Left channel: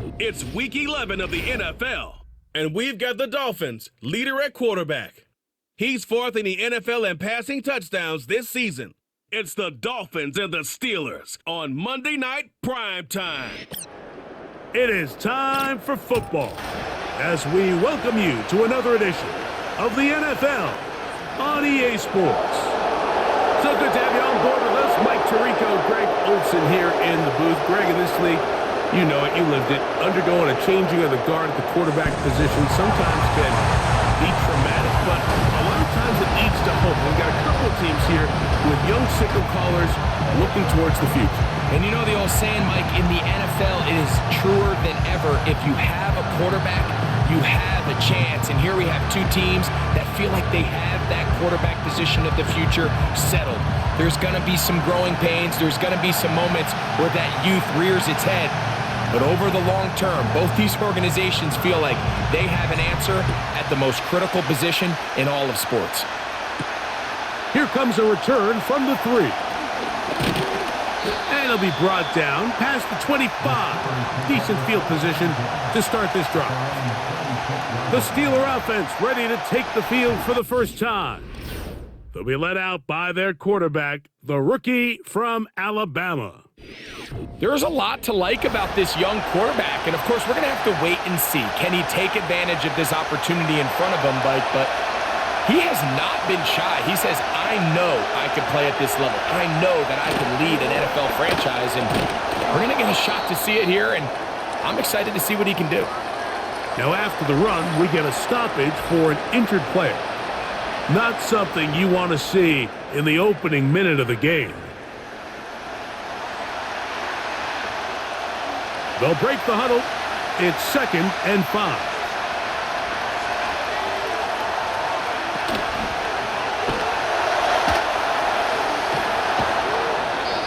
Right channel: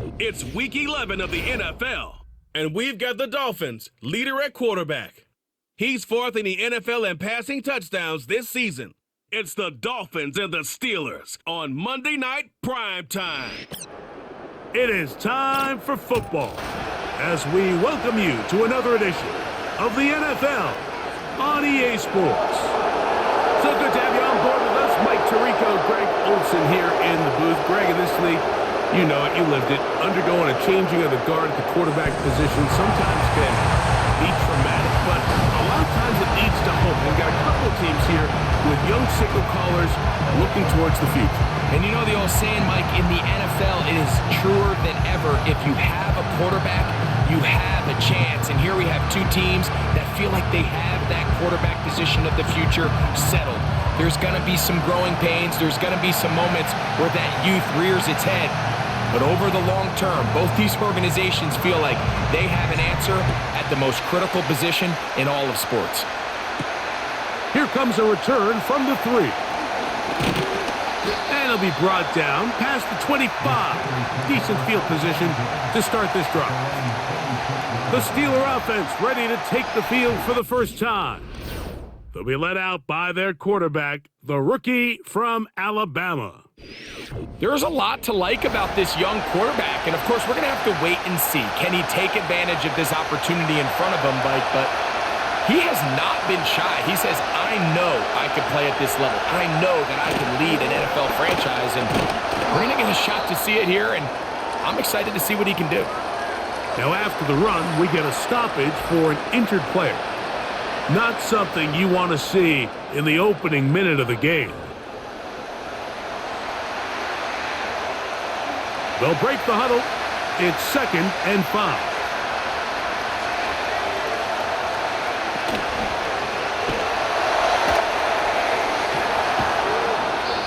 It's Week 11 of the NFL, and we've got the Dolphins, leader at quarterback. He's fourth in the NFL in passing touchdowns this season. It's the Dolphins and the Steelers on Monday Night Prime Time. It is time for football as we welcome you to another edition of the NFL on EA Sports. So good to have you on board with us. Mike Tirico, Greg Olson here in the booth. Greg, in this league, you know it, you lived it. Undergoing a changing of the guard at the quarterback position sometimes can be traumatic, but a lot of times it leads to hope. We've got a couple of teams here with young sickle callers looking towards the future. And you know the old saying, Mike, in the NFL, it is truer than ever. If you have a quarterback, you have a chance. And here we have two teams that feel like they have that quarterback position of the future settled. There's going to be some growing pains. There's going to be some moments where that youth rears its head. But over the long term, both these organizations feel like they have an answer at the most critical position in all of sports. Here comes a return from the 3. And it'll be brought down past the 25. Decent field position to start this drive. The Steeler offense ready to take the field for the first time. They'll be led out by their quarterback, the rookie from Alabama. There's a lot to like about this young quarterback, and of course we're going to have to wait and see. Can he take advantage of this opportunity in front of him, Mike? But he has not been shy. He says, I know I can play at this level. I know that I can lead an NFL franchise, and we're going to get a shot to see it here, and I'm excited to see what he can do. Now after the run, we get a stoppage for an injured player. Not something you want to see in the opening minute of the game. They'll break the huddle. It's 2nd and 5.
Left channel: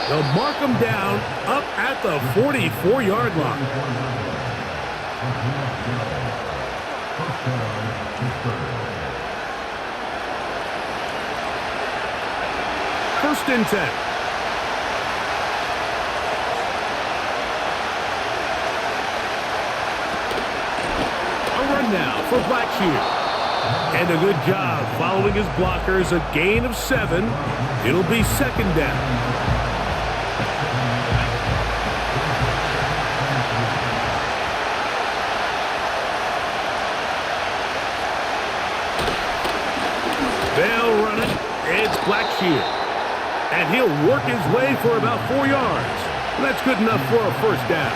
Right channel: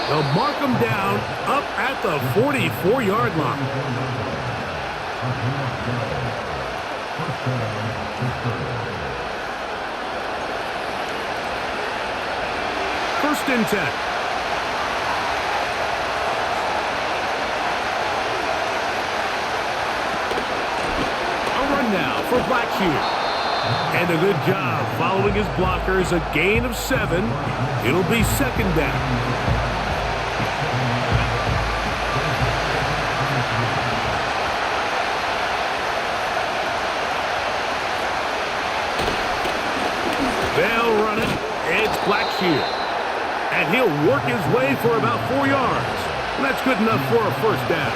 They'll mark them down up at the 44-yard line. First and 10. A run now for Blackshear. And a good job following his blockers. A gain of 7. It'll be 2nd down. They'll run it. It's Blackshear. And he'll work his way for about 4 yards. And that's good enough for a first down.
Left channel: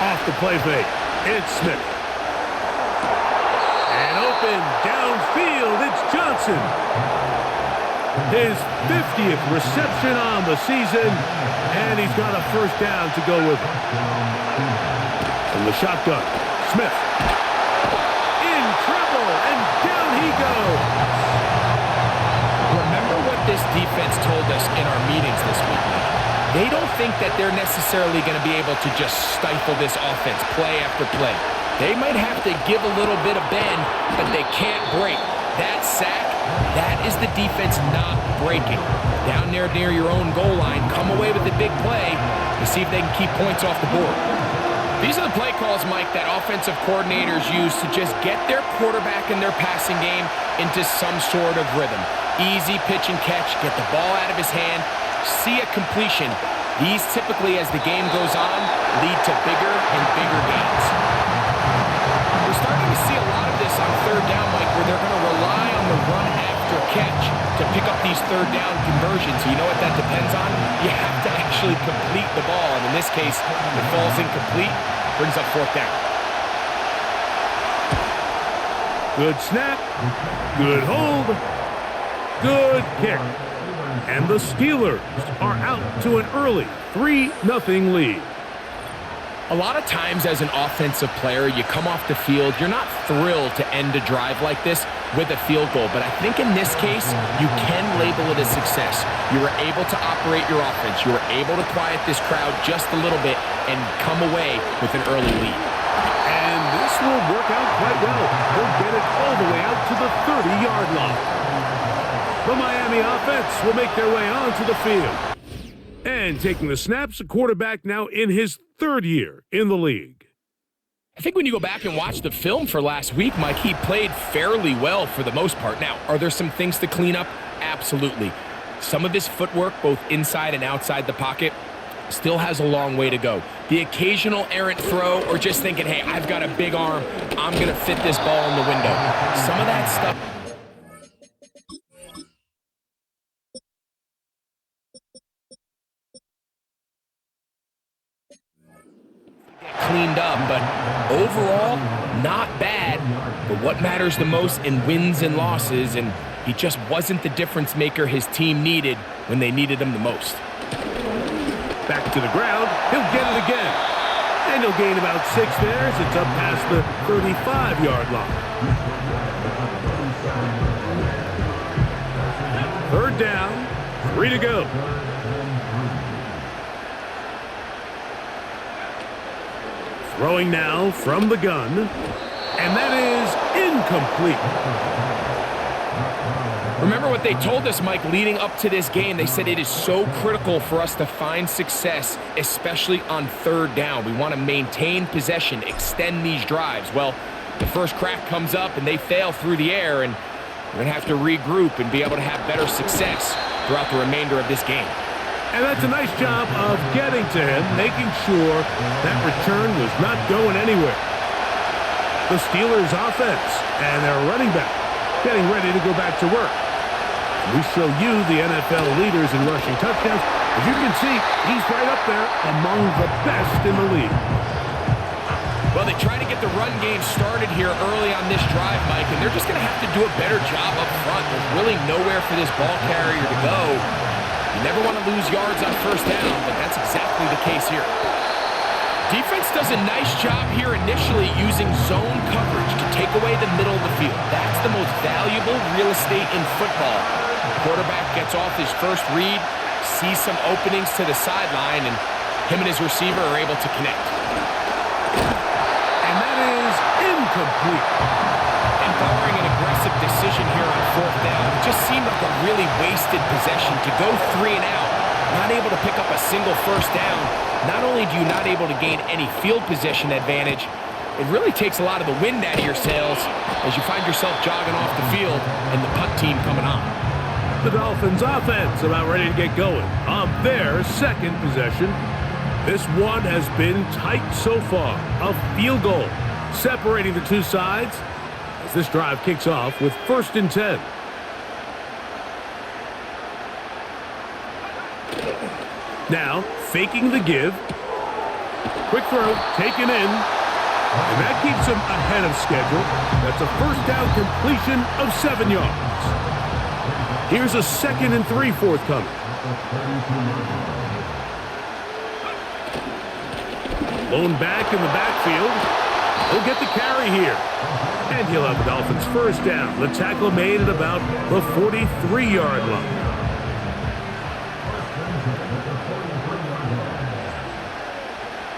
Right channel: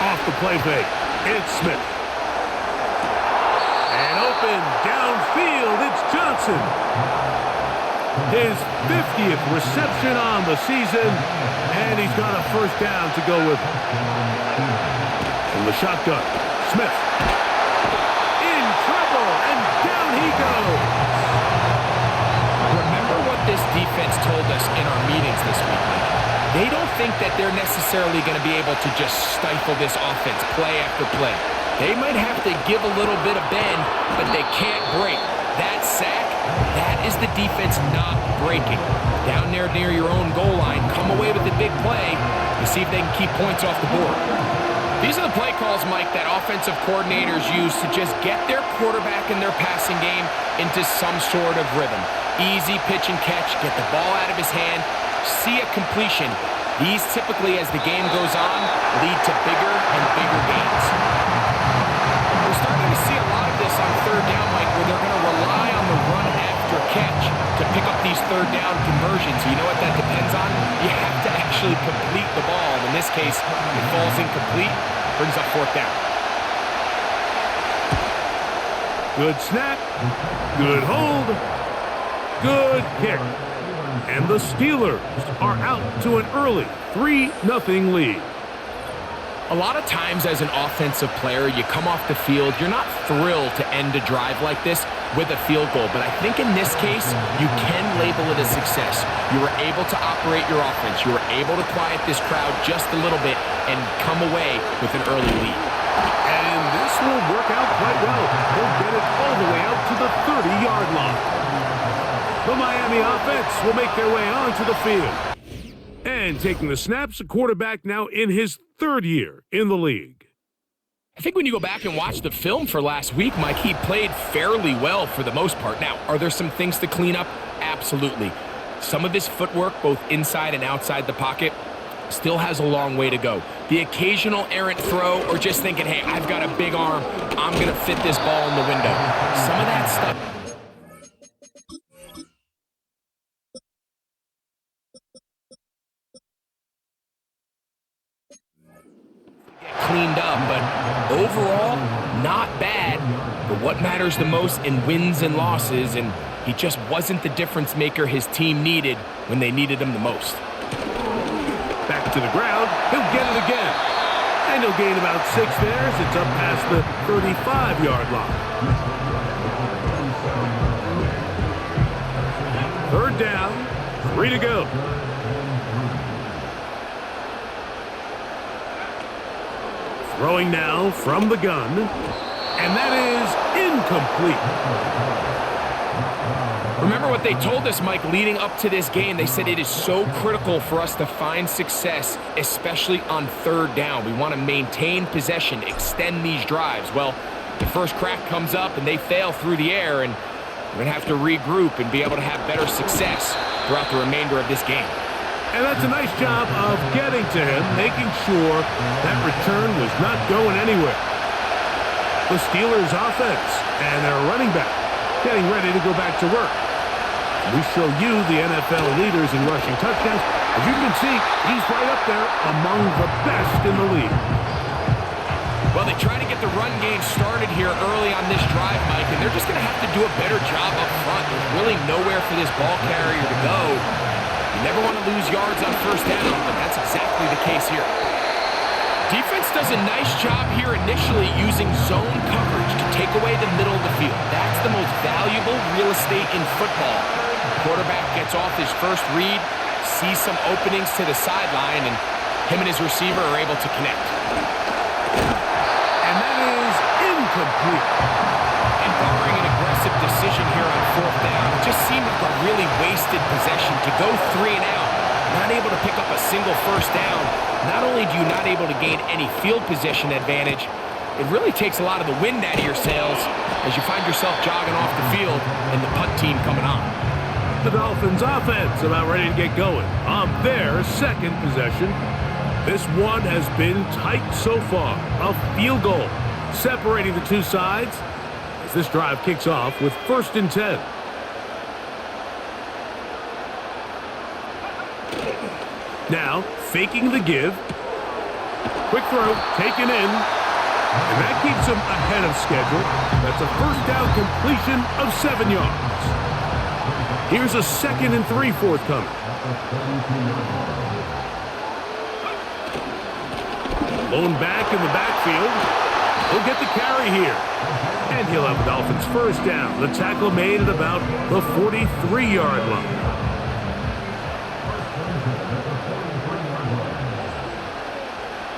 Off the play fake, it's Smith. And open downfield, it's Johnson. His 50th reception on the season, and he's got a first down to go with it. From the shotgun, Smith. In trouble, and down he goes. Remember what this defense told us in our meetings this week, Mike. They don't think that they're necessarily going to be able to just stifle this offense play after play. They might have to give a little bit of bend, but they can't break. That sack, that is the defense not breaking. Down there near your own goal line, come away with the big play and see if they can keep points off the board. These are the play calls, Mike, that offensive coordinators use to just get their quarterback and their passing game into some sort of rhythm. Easy pitch and catch, get the ball out of his hand, see a completion. These typically, as the game goes on, lead to bigger and bigger gains. We're starting to see a lot of this on 3rd down, Mike, where they're going to rely on the run after catch to pick up these 3rd down conversions. You know what that depends on? You have to actually complete the ball, and in this case, it falls incomplete, brings up 4th down. Good snap, good hold, good kick. And the Steelers are out to an early 3-0 lead. A lot of times as an offensive player, you come off the field, you're not thrilled to end a drive like this with a field goal. But I think in this case, you can label it a success. You were able to operate your offense. You were able to quiet this crowd just a little bit and come away with an early lead. And this will work out quite well. He'll get it all the way out to the 30-yard line. The Miami offense will make their way onto the field. And taking the snaps, a quarterback now in his third year in the league. I think when you go back and watch the film for last week, Mike, he played fairly well for the most part. Now, are there some things to clean up? Absolutely. Some of his footwork, both inside and outside the pocket, still has a long way to go. The occasional errant throw or just thinking, hey, I've got a big arm, I'm going to fit this ball in the window. Some of that stuff cleaned up, but overall, not bad. But what matters the most in wins and losses, and he just wasn't the difference maker his team needed when they needed him the most. Back to the ground, he'll get it again. And he'll gain about 6 there as it's up past the 35-yard line. Third down, 3 to go. Throwing now from the gun, and that is incomplete. Remember what they told us, Mike, leading up to this game. They said it is so critical for us to find success, especially on third down. We want to maintain possession, extend these drives. Well, the first crack comes up and they fail through the air, and we're going to have to regroup and be able to have better success throughout the remainder of this game. And that's a nice job of getting to him, making sure that return was not going anywhere. The Steelers' offense and their running back getting ready to go back to work. We show you the NFL leaders in rushing touchdowns. As you can see, he's right up there among the best in the league. Well, they try to get the run game started here early on this drive, Mike, and they're just going to have to do a better job up front. There's really nowhere for this ball carrier to go. You never want to lose yards on first down, but that's exactly the case here. Defense does a nice job here initially using zone coverage to take away the middle of the field. That's the most valuable real estate in football. Quarterback gets off his first read, sees some openings to the sideline, and him and his receiver are able to connect. And that is incomplete. And barring an aggressive decision here on fourth down, it just seemed like a really wasted possession to go 3 and out, not able to pick up a single first down. Not only do you not able to gain any field position advantage, it really takes a lot of the wind out of your sails as you find yourself jogging off the field and the punt team coming on. The Dolphins offense about ready to get going on their second possession. This one has been tight so far. A field goal separating the two sides as this drive kicks off with 1st and 10. Now, faking the give. Quick throw, taken in. And that keeps him ahead of schedule. That's a first down completion of 7 yards. Here's a 2nd and 3 forthcoming. Blown back in the backfield. He'll get the carry here. And he'll have the Dolphins first down. The tackle made at about the 43-yard line.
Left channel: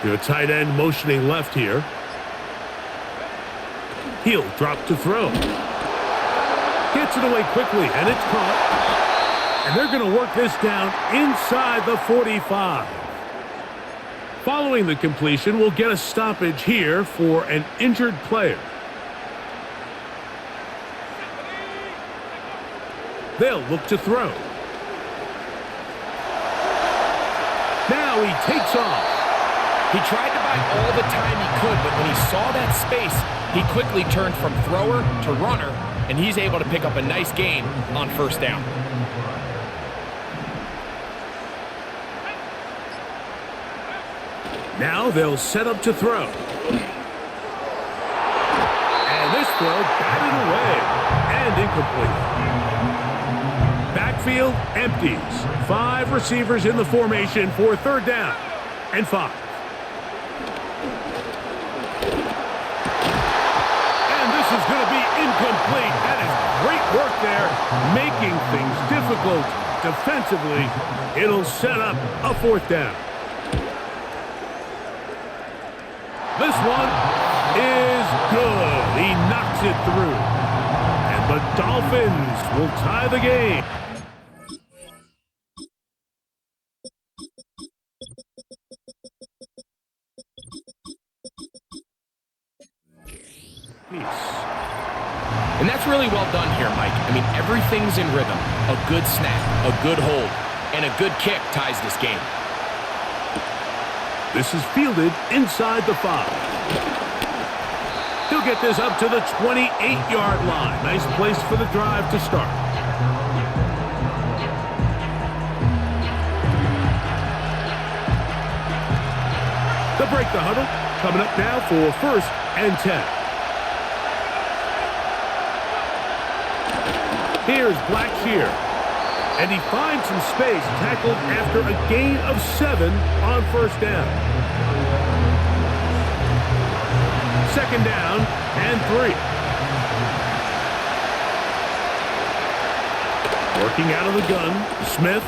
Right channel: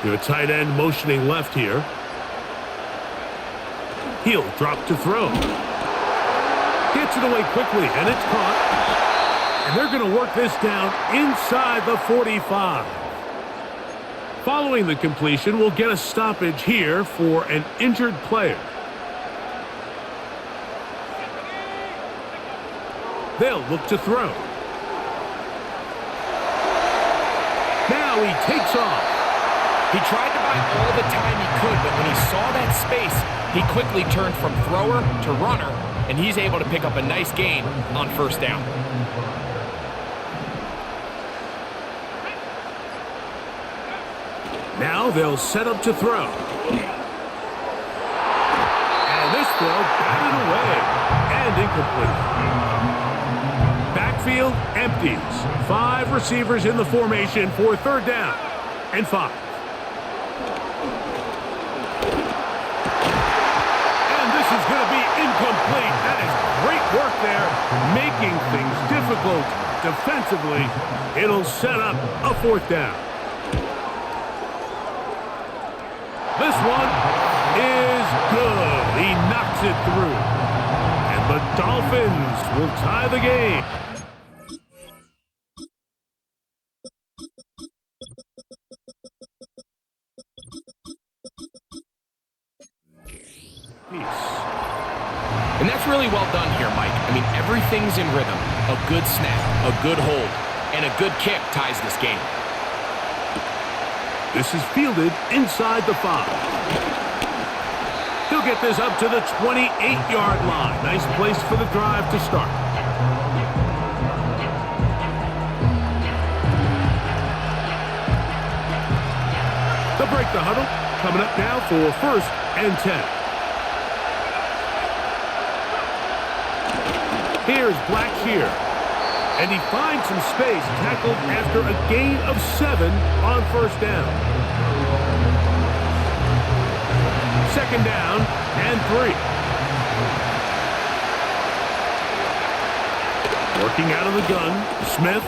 You have a tight end motioning left here. He'll drop to throw. Gets it away quickly, and it's caught. And they're going to work this down inside the 45. Following the completion, we'll get a stoppage here for an injured player. They'll look to throw. Now he takes off. He tried to buy all the time he could, but when he saw that space, he quickly turned from thrower to runner, and he's able to pick up a nice gain on first down. Now they'll set up to throw. And this throw batted away and incomplete. Backfield empties. 5 receivers in the formation for 3rd down and 5. And this is going to be incomplete. That is great work there, making things difficult defensively. It'll set up a 4th down. This one is good. He knocks it through. And the Dolphins will tie the game. Peace. And that's really well done here, Mike. I mean, everything's in rhythm. A good snap, a good hold, and a good kick ties this game. This is fielded inside the 5. He'll get this up to the 28-yard line. Nice place for the drive to start. They'll break the huddle. Coming up now for 1st and 10. Here's Blackshear. And he finds some space, tackled after a gain of 7 on 1st down. 2nd down and 3. Working out of the gun, Smith.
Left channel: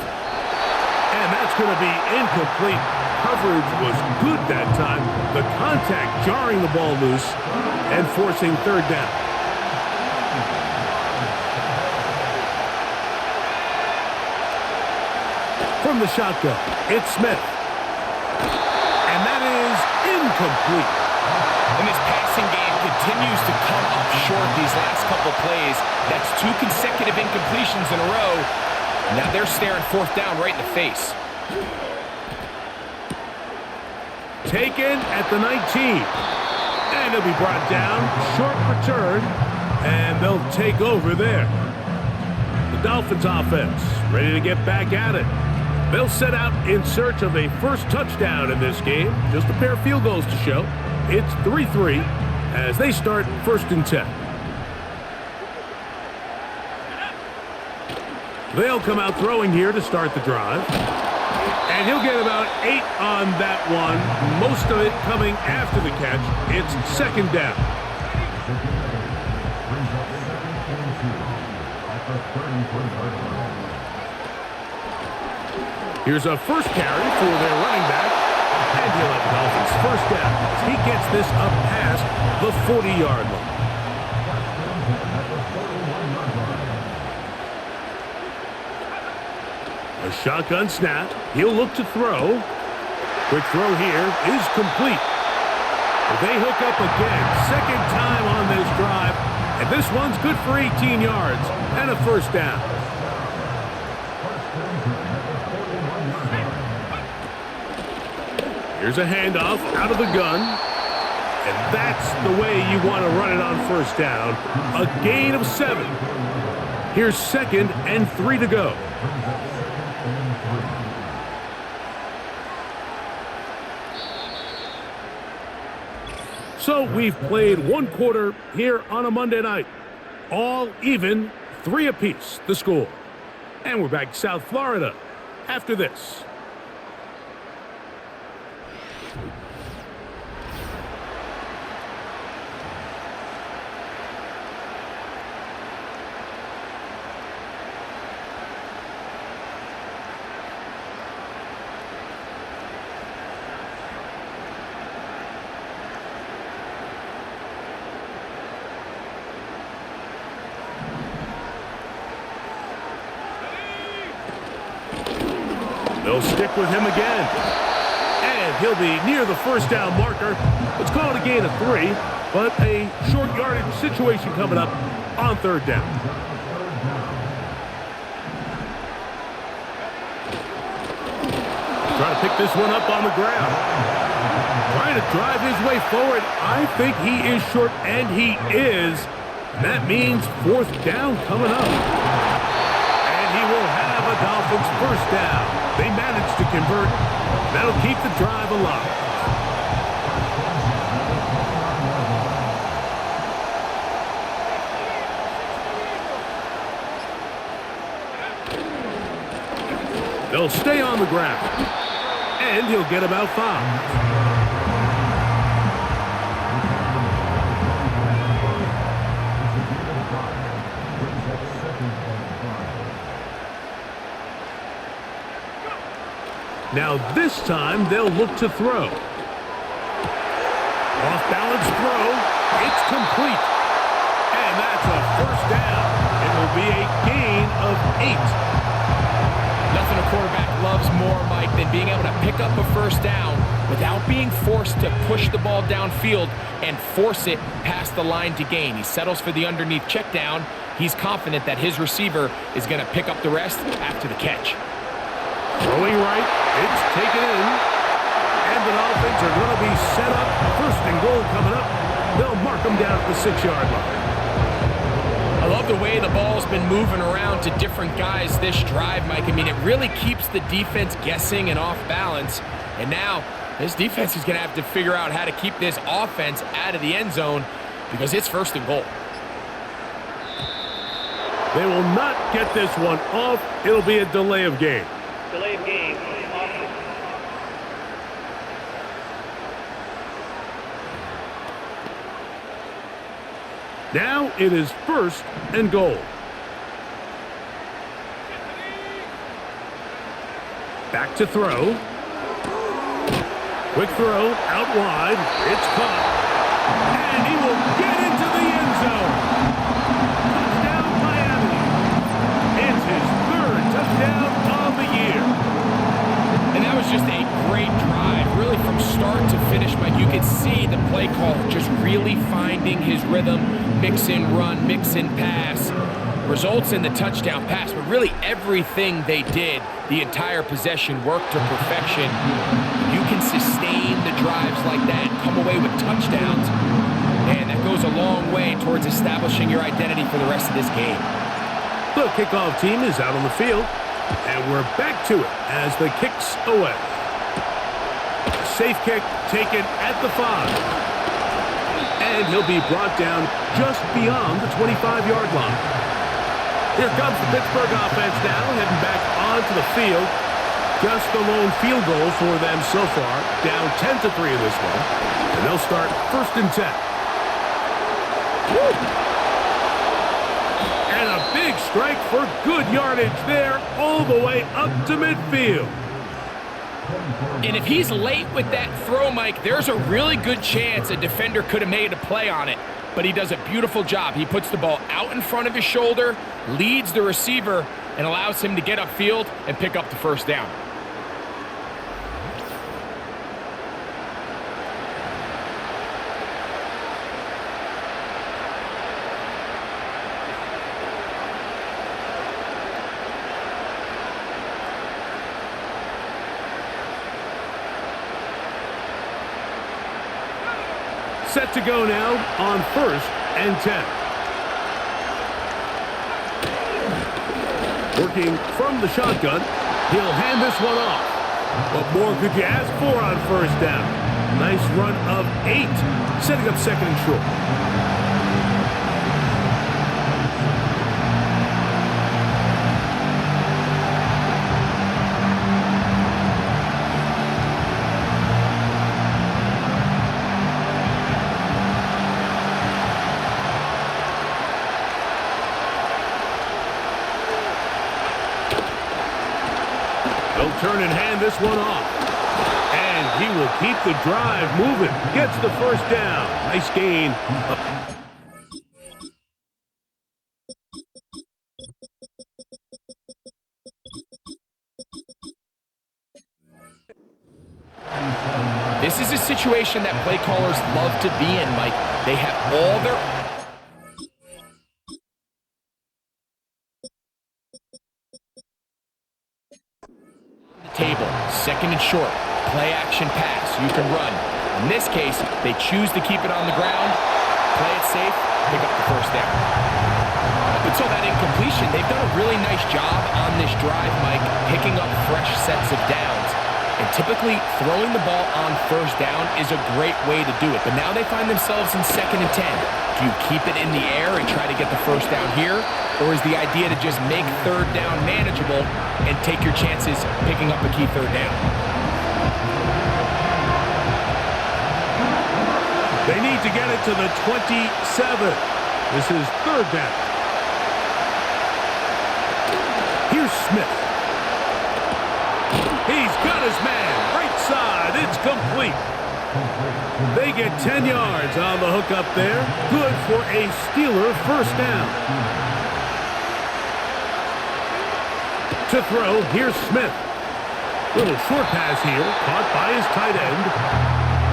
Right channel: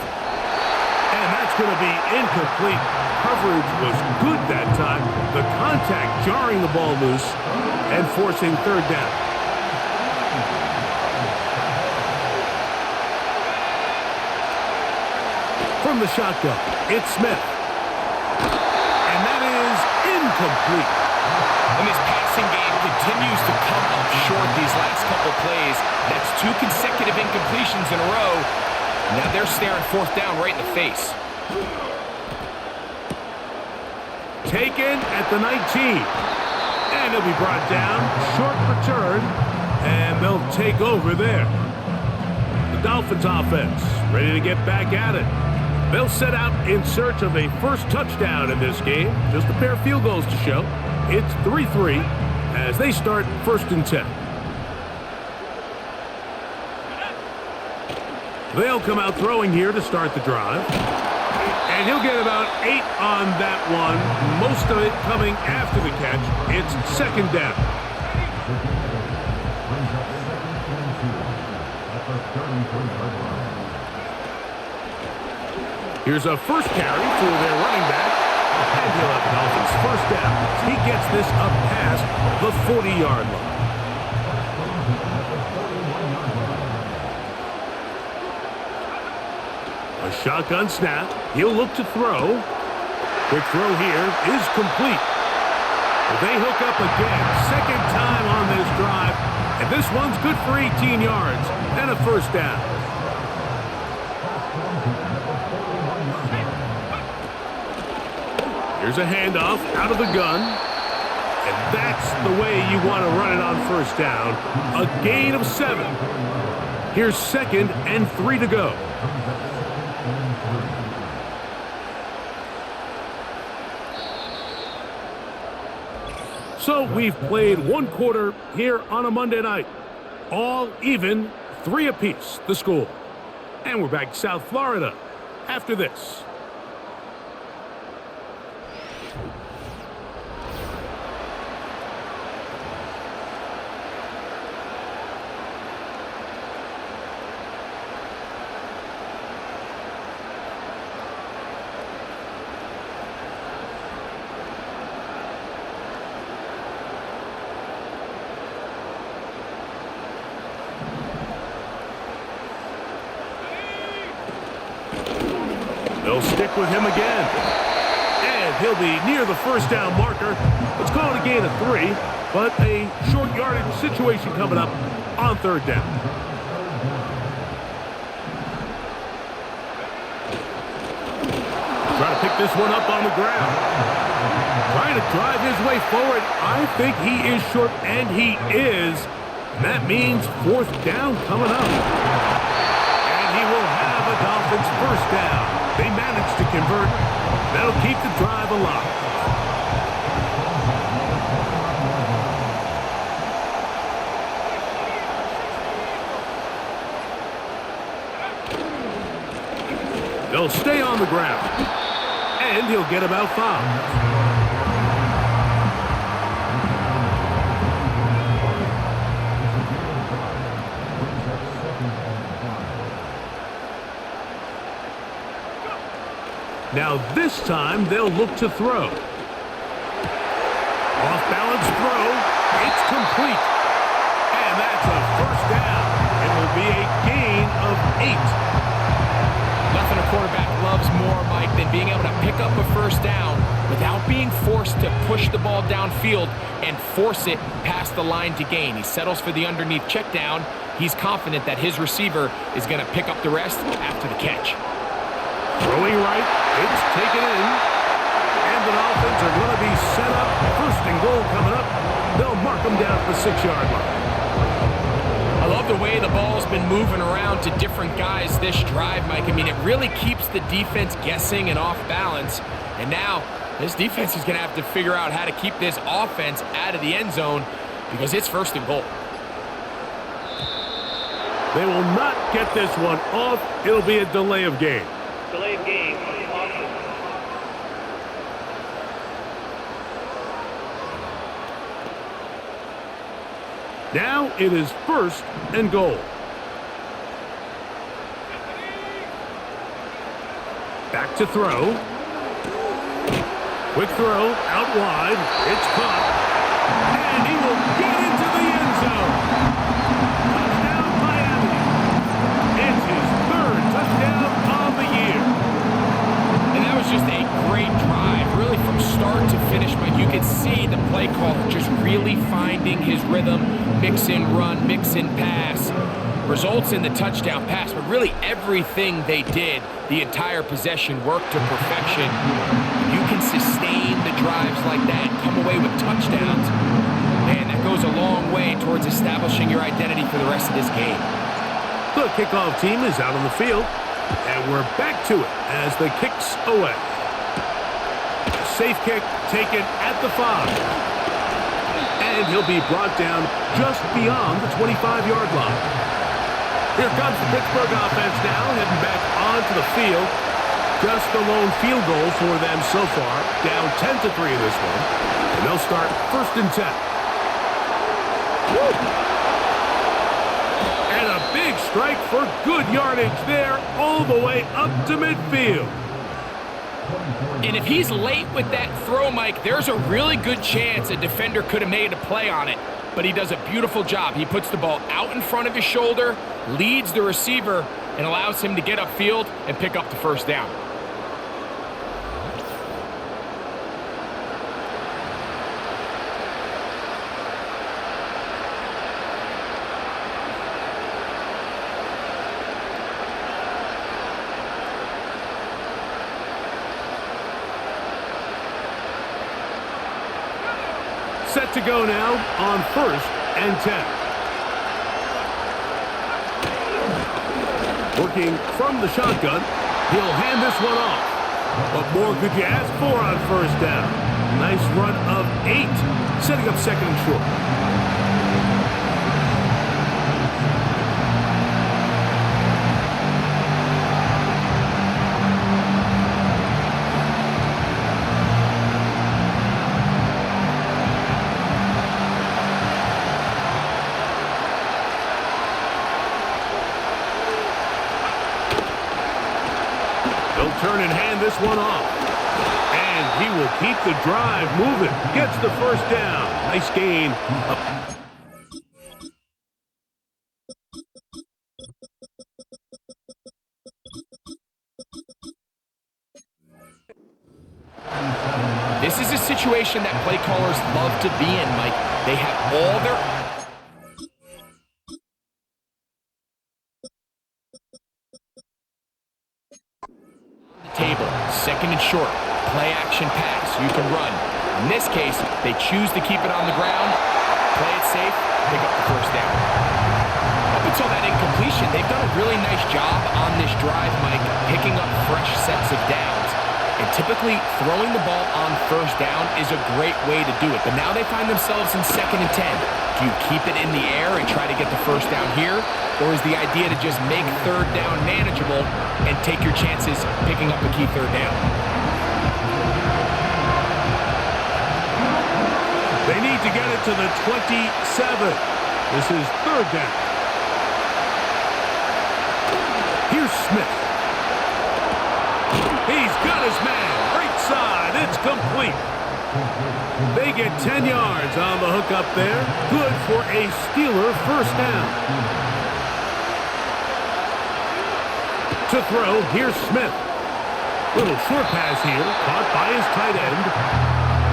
And that's going to be incomplete. Coverage was good that time. The contact jarring the ball loose and forcing 3rd down. From the shotgun, it's Smith. And that is incomplete. And this passing game continues to come up short these last couple plays. That's 2 consecutive incompletions in a row. Now they're staring 4th down right in the face. Taken at the 19. And he'll be brought down. Short return. And they'll take over there. The Dolphins offense ready to get back at it. They'll set out in search of a first touchdown in this game. Just a pair of field goals to show. It's 3-3 as they start 1st and 10. They'll come out throwing here to start the drive. And he'll get about 8 on that one. Most of it coming after the catch. It's 2nd down. Brings up 2nd and 2 at the 33-yard line. Here's a first carry for their running back. And he'll have the Dolphins 1st down as he gets this up past the 40-yard line. A shotgun snap. He'll look to throw. Quick throw here is complete. Well, they hook up again. 2nd time on this drive. And this one's good for 18 yards and a 1st down. Here's a handoff out of the gun. And that's the way you want to run it on 1st down. A gain of 7. Here's 2nd and 3 to go. So we've played 1 quarter here on a Monday night. All even, 3 apiece, the score. And we're back to South Florida after this. They'll stick with him again. And he'll be near the 1st down marker. Let's call it a gain of 3, but a short yardage situation coming up on 3rd down. Trying to pick this one up on the ground. Trying to drive his way forward. I think he is short, and he is. And that means 4th down coming up. And he will have a Dolphins 1st down. They managed to convert. That'll keep the drive alive. They'll stay on the ground. And he'll get about 5. Now this time they'll look to throw. Off balance throw. It's complete. And that's a first down. It will be a gain of 8. Nothing a quarterback loves more, Mike, than being able to pick up a first down without being forced to push the ball downfield and force it past the line to gain. He settles for the underneath check down. He's confident that his receiver is going to pick up the rest after the catch. Throwing right, it's taken in. And the Dolphins are going to be set up. First and goal coming up. They'll mark them down at the 6-yard line. I love the way the ball's been moving around to different guys this drive, Mike. I mean, it really keeps the defense guessing and off balance. And now this defense is going to have to figure out how to keep this offense out of the end zone because it's first and goal. They will not get this one off. It'll be a delay of game. Delay of game. Offense. Now it is first and goal. Back to throw. Quick throw out wide. It's caught. And he will get into the end zone. Touchdown Miami. It's his 3rd touchdown of the year. And that was just a great drive, really from start to finish, Mike. You could see the play caller just really finding his rhythm, mix in run, mix in pass, results in the touchdown pass. But really everything they did, the entire possession, worked to perfection. You can sustain the drives like that and come away with touchdowns, and that goes a long way towards establishing your identity for the rest of this game. The kickoff team is out on the field. And we're back to it as the kick's away. A safe kick taken at the 5. And he'll be brought down just beyond the 25-yard line. Here comes the Pittsburgh offense now, heading back onto the field. Just the lone field goal for them so far. Down 10-3 in this one. And they'll start first and 10. Woo! And a big strike for good yardage there all the way up to midfield. And if he's late with that throw, Mike, there's a really good chance a defender could have made a play on it. But he does a beautiful job. He puts the ball out in front of his shoulder, leads the receiver, and allows him to get upfield and pick up the first down. Set to go now on first and 10. Working from the shotgun, he'll hand this one off. What more could you ask for on first down? Nice run of 8, setting up second and short. They'll turn and hand this one off. And he will keep the drive moving. Gets the first down. Nice gain. Up. This is a situation that play callers love to be in, Mike. They have all their table, second and short, play action pass, you can run. In this case, they choose to keep it on the ground, play it safe, pick up the first down. Up until that incompletion, they've done a really nice job on this drive, Mike, picking up fresh sets of downs. And typically, throwing the ball on first down is a great way to do it. But now they find themselves in second and 10. Do you keep it in the air and try to get the first down here? Or is the idea to just make third down manageable and take your chances picking up a key third down? They need to get it to the 27. This is third down. Here's Smith. He's got his man. Right side. It's complete. They get 10 yards on the hook up there. Good for a Steeler first down. To throw, here's Smith. Little short pass here, caught by his tight end.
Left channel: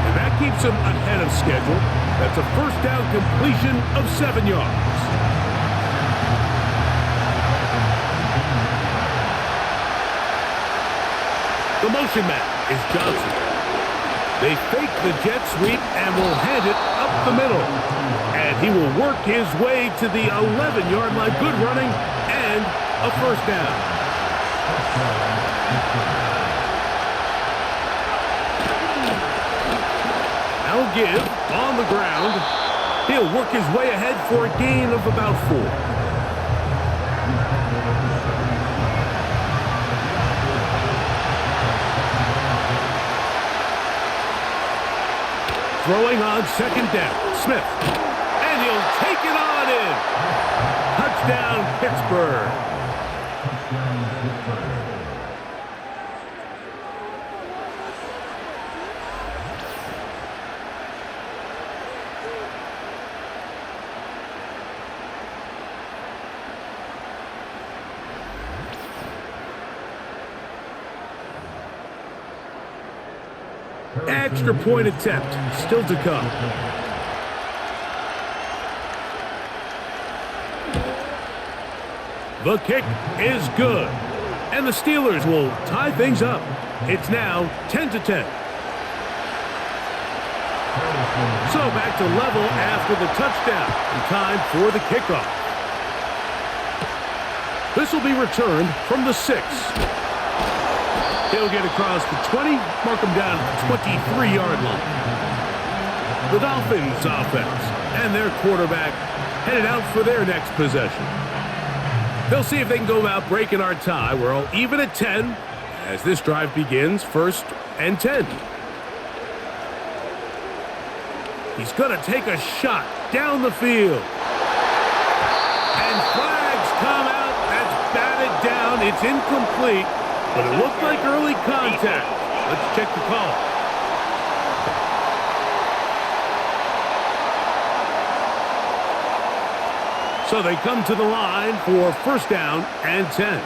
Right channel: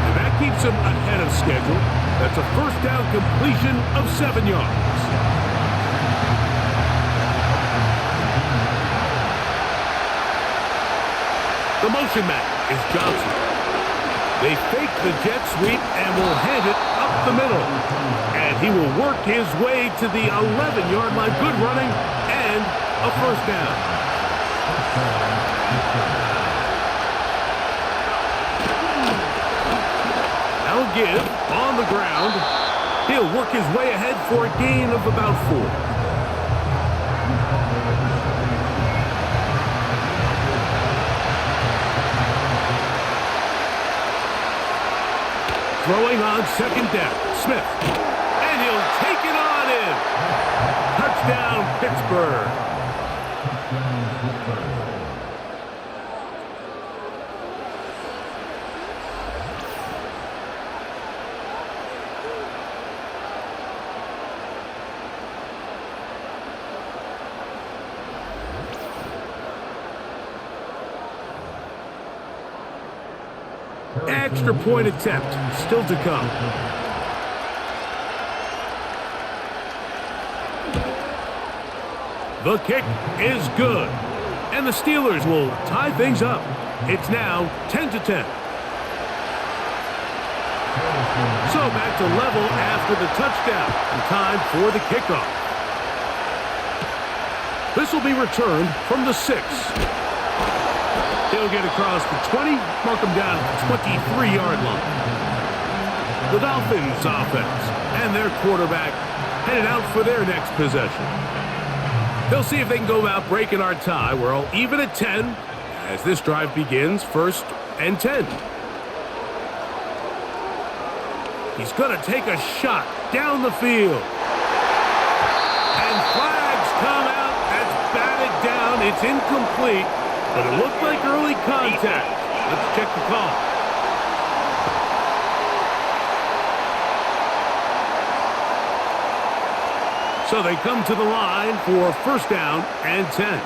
And that keeps him ahead of schedule. That's a first down completion of 7 yards. The motion man is Johnson. They fake the jet sweep and will hand it up the middle. And he will work his way to the 11-yard line. Good running and a first down. Now give on the ground. He'll work his way ahead for a gain of about 4. Throwing on second down, Smith. And he'll take it on in. Touchdown, Pittsburgh. Touchdown, Pittsburgh. Extra point attempt still to come. The kick is good. And the Steelers will tie things up. It's now 10-10. So back to level after the touchdown. And time for the kickoff. This will be returned from the 6. He'll get across the 20, mark him down at the 23-yard line. The Dolphins offense and their quarterback headed out for their next possession. They'll see if they can go about breaking our tie. We're all even at 10 as this drive begins, 1st and 10. He's going to take a shot down the field. And flags come out. That's batted down. It's incomplete. But it looked like early contact. Let's check the call. So they come to the line for first down and 10.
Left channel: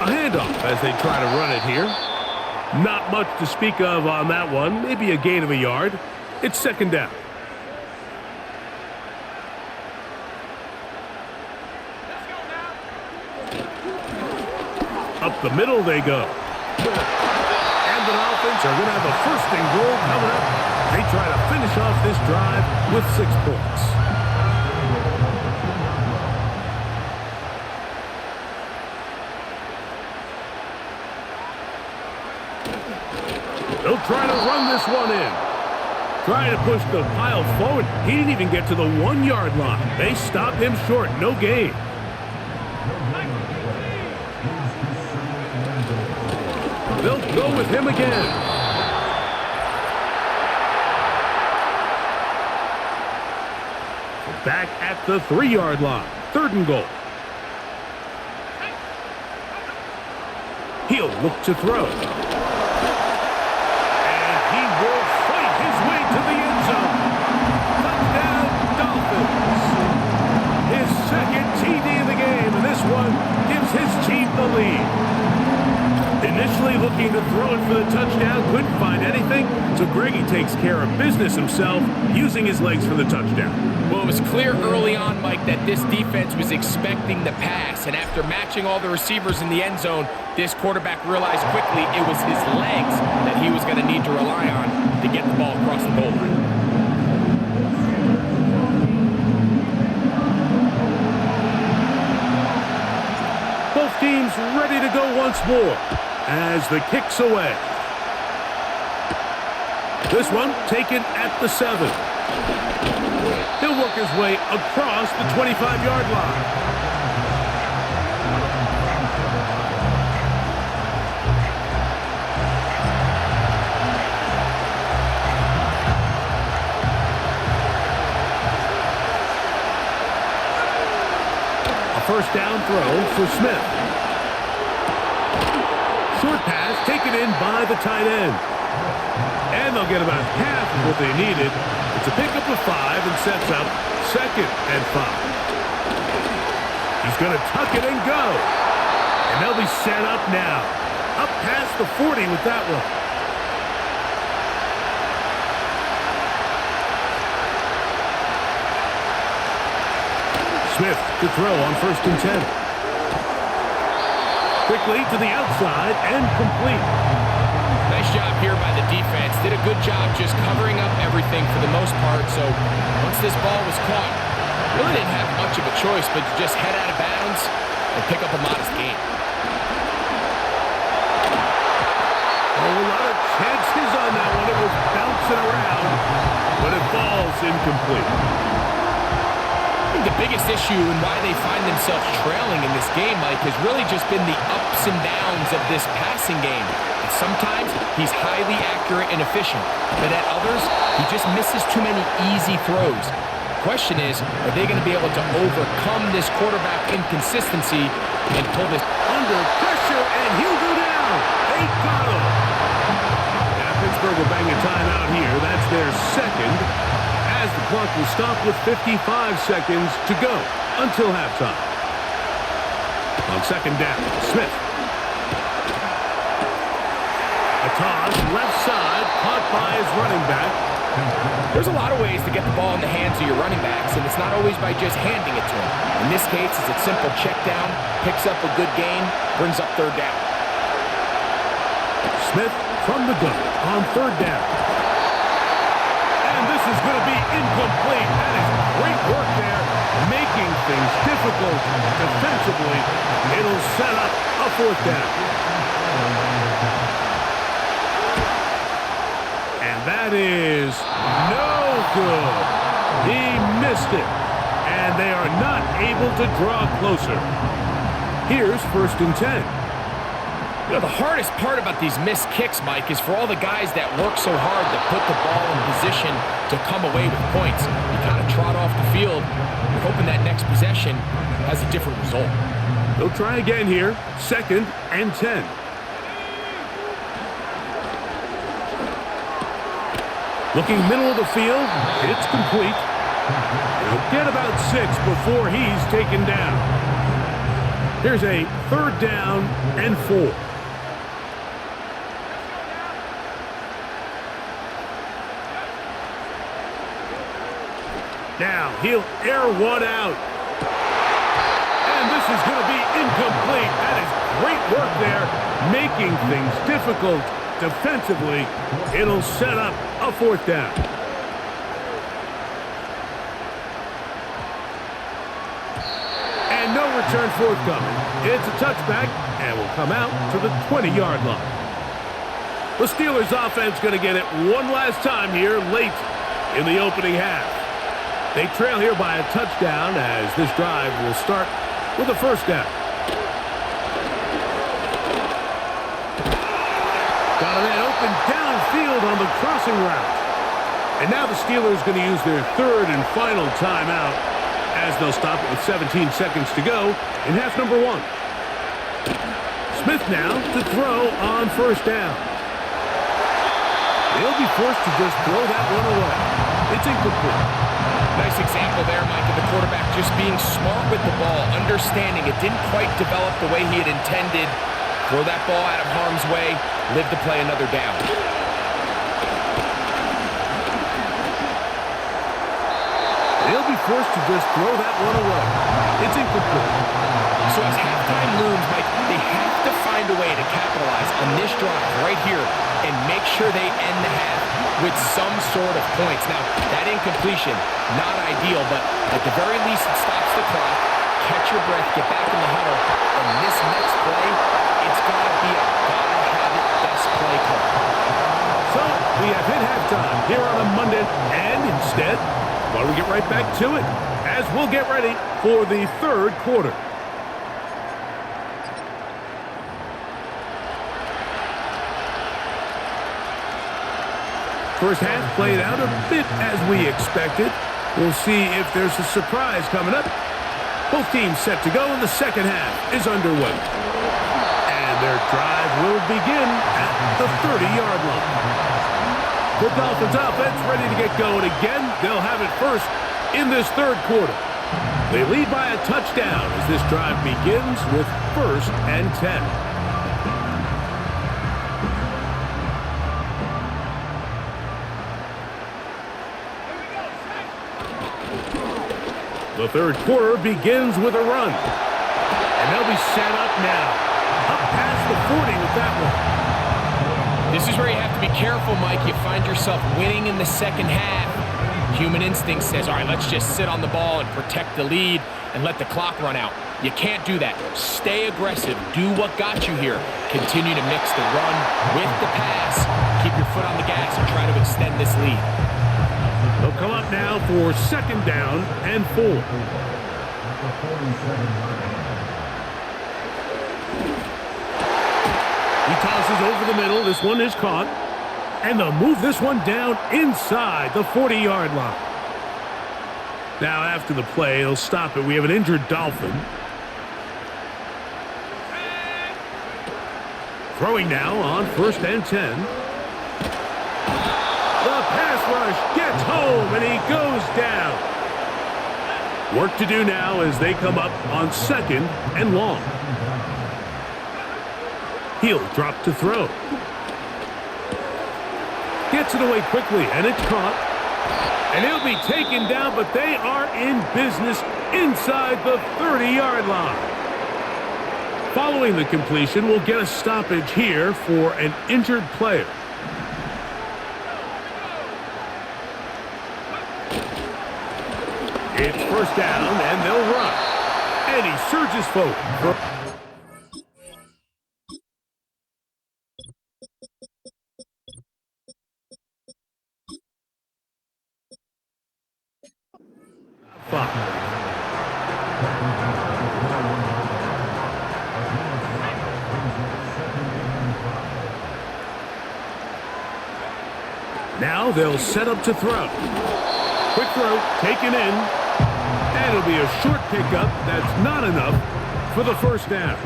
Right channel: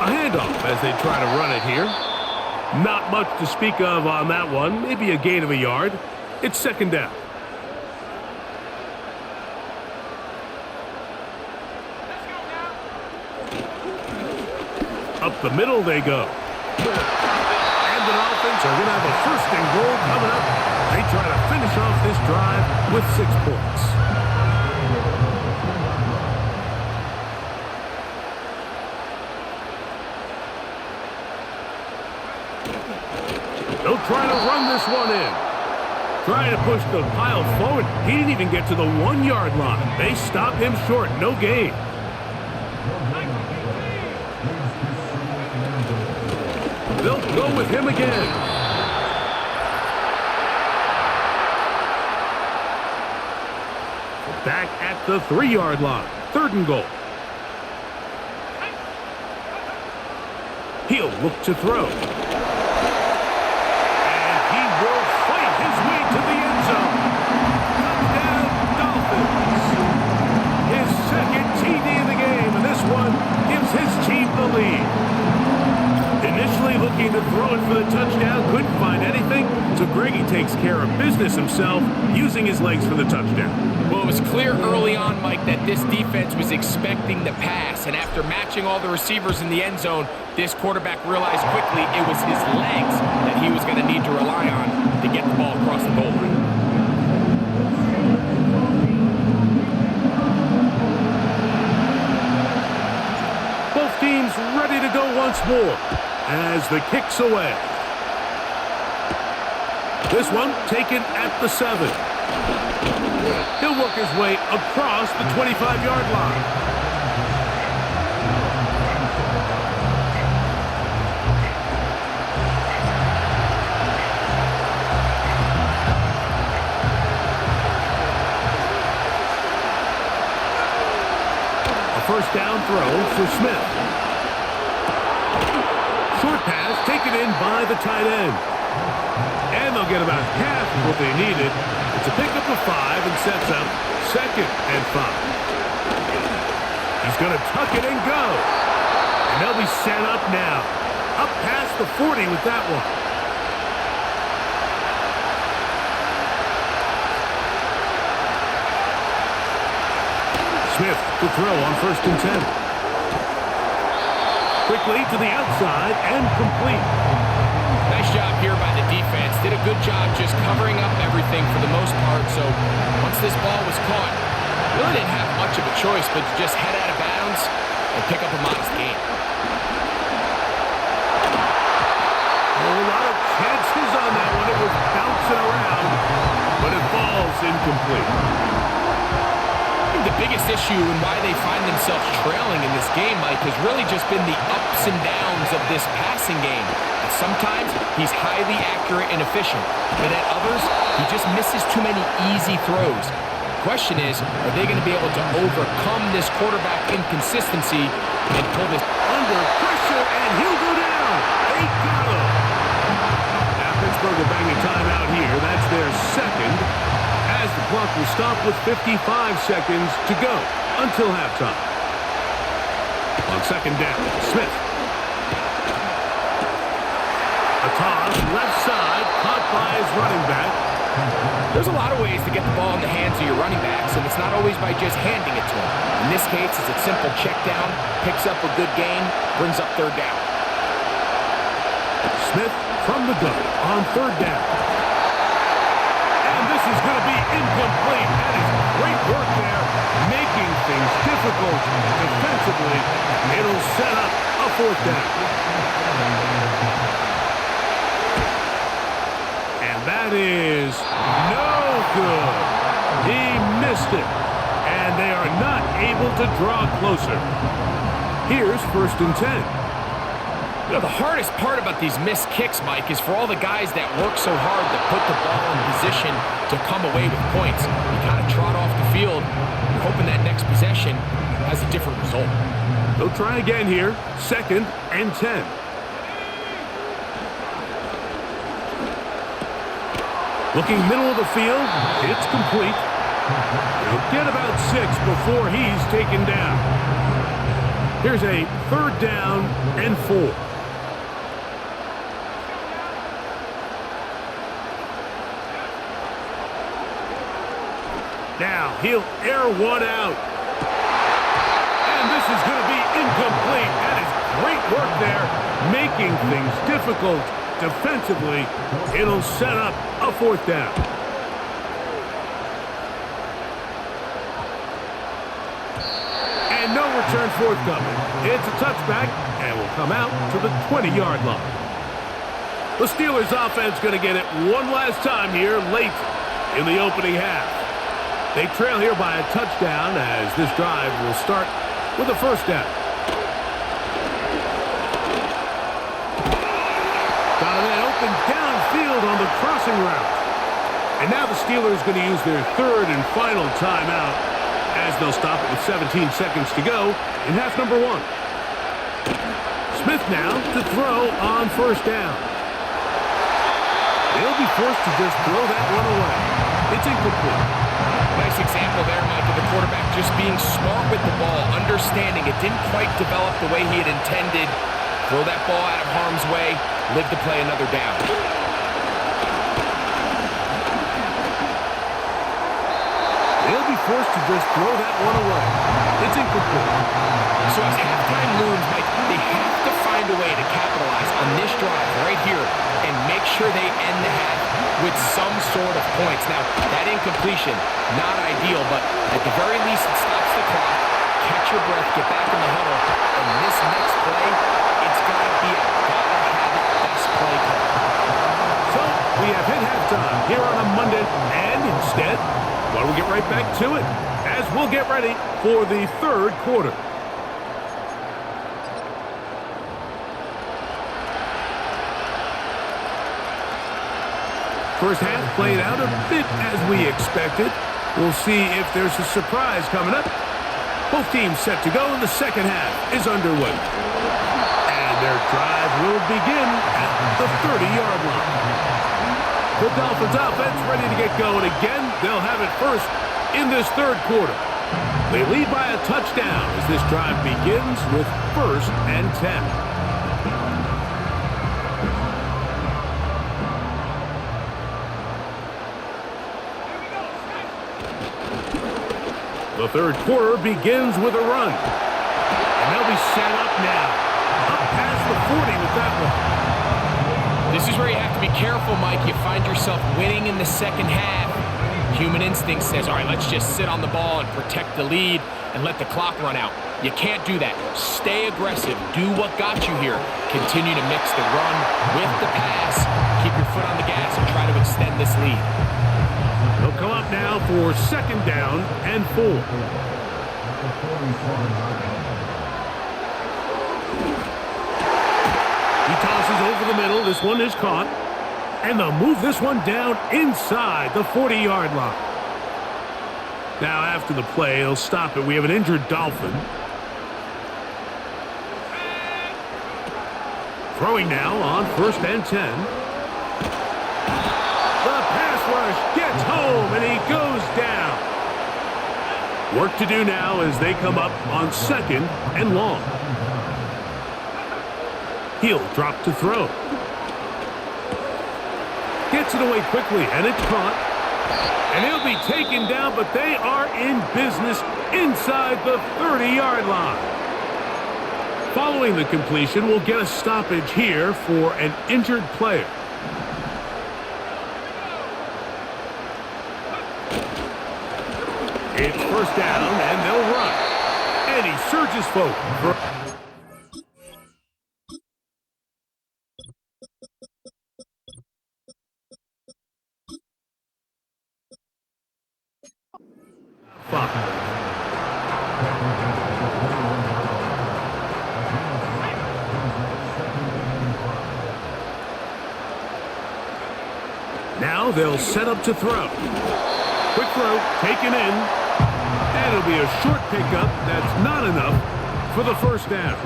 A handoff as they try to run it here. Not much to speak of on that one. Maybe a gain of a yard. It's second down. Up the middle they go. And the Dolphins are going to have a 1st and goal coming up. They try to finish off this drive with 6 points. They'll try to run this one in. Trying to push the pile forward. He didn't even get to the 1-yard line. They stop him short. No gain. They'll go with him again. Back at the 3-yard line. 3rd and goal. He'll look to throw. And he will fight his way to the end zone. Touchdown, Dolphins. His 2nd TD of the game, and this one gives his team the lead. Initially looking to throw it for the touchdown, couldn't find anything, so Greggy takes care of business himself, using his legs for the touchdown. Well, it was clear early on, Mike, that this defense was expecting the pass, and after matching all the receivers in the end zone, this quarterback realized quickly it was his legs that he was going to need to rely on to get the ball across the goal line. Both teams ready to go once more as the kick's away. This one taken at the 7. He'll work his way across the 25-yard line. A first down throw for Smith. Short pass taken in by the tight end. And they'll get about half of what they needed. It's a pickup of 5 and sets up 2nd and 5. He's going to tuck it and go. And they'll be set up now. Up past the 40 with that one. Smith to throw on 1st and 10. Quickly to the outside and complete. Nice job here by the defense. Did a good job just covering up everything for the most part. So once this ball was caught, really didn't have much of a choice but to just head out of bounds and pick up a modest gain. Oh, a lot of chances on that one. It was bouncing around, but it falls incomplete. I think the biggest issue and why they find themselves trailing in this game, Mike, has really just been the ups and downs of this passing game. And sometimes he's highly accurate and efficient, but at others, he just misses too many easy throws. The question is, are they going to be able to overcome this quarterback inconsistency and pull this under pressure, and he'll go down. They got him. Now Pittsburgh will bang a timeout here. That's their 2nd. As the clock will stop with 55 seconds to go until halftime. On 2nd down, Smith. A toss, left side, caught by his running back. There's a lot of ways to get the ball in the hands of your running backs, and it's not always by just handing it to them. In this case, it's a simple check down, picks up a good gain, brings up 3rd down. Smith from the gun on 3rd down. And this is going to be incomplete. That is great work there, making things difficult defensively. It'll set up a 4th down. And that is no good. He missed it. And they are not able to draw closer. Here's 1st and 10. You know, the hardest part about these missed kicks, Mike, is for all the guys that work so hard to put the ball in position to come away with points. You kind of trot off the field, you're hoping that next possession has a different result. They'll try again here, 2nd and 10. Looking middle of the field, it's complete. He'll get about 6 before he's taken down. Here's a 3rd down and 4. Now he'll air one out. And this is going to be incomplete. That is great work there, making things difficult defensively. It'll set up a 4th down. And no return forthcoming. It's a touchback and will come out to the 20-yard line. The Steelers offense going to get it one last time here late in the opening half. They trail here by a touchdown as this drive will start with a 1st down. Got a man open downfield on the crossing route. And now the Steelers going to use their 3rd and final timeout as they'll stop it with 17 seconds to go in half number 1. Smith now to throw on 1st down. They'll be forced to just throw that one away. It's incomplete. Nice example there, Mike, of the quarterback just being smart with the ball, understanding it didn't quite develop the way he had intended. Throw that ball out of harm's way, live to play another down. They'll be forced to just throw that one away. It's incomplete. So as halftime looms, Mike, they have to find a way to capitalize on this drive right here and make sure they end the half with some sort of points. Now, that incompletion, not ideal, but at the very least, it stops the clock. Catch your breath, get back in the huddle, and this next play, it's got to be a gotta-have-it best play call. So, we have hit halftime here on a Monday, and instead, why don't we get right back to it as we'll get ready for the 3rd quarter. First half played out a bit as we expected. We'll see if there's a surprise coming up. Both teams set to go, and the second half is underway. And their drive will begin at the 30-yard line. The Dolphins offense ready to get going again. They'll have it first in this third quarter. They lead by a touchdown as this drive begins with 1st and 10. The third quarter begins with a run. And they'll be set up now. Up past the 40 with that one. This is where you have to be careful, Mike. You find yourself winning in the second half. Human instinct says, all right, let's just sit on the ball and protect the lead and let the clock run out. You can't do that. Stay aggressive. Do what got you here. Continue to mix the run with the pass. Keep your foot on the gas and try to extend this lead. They'll come up now for 2nd down and 4. At the 47-yard line. He tosses over the middle. This one is caught. And they'll move this one down inside the 40-yard line. Now after the play, they'll stop it. We have an injured Dolphin. Throwing now on 1st and 10. The pass rush gets home, and he goes down. Work to do now as they come up on 2nd and long. He'll drop to throw. Gets it away quickly, and it's caught. And he'll be taken down, but they are in business inside the 30-yard line. Following the completion, we'll get a stoppage here for an injured player. It's 1st down, and they'll run. And he surges forward. Now they'll set up to throw. Quick throw, taken in. And it'll be a short pickup. That's not enough for the 1st down.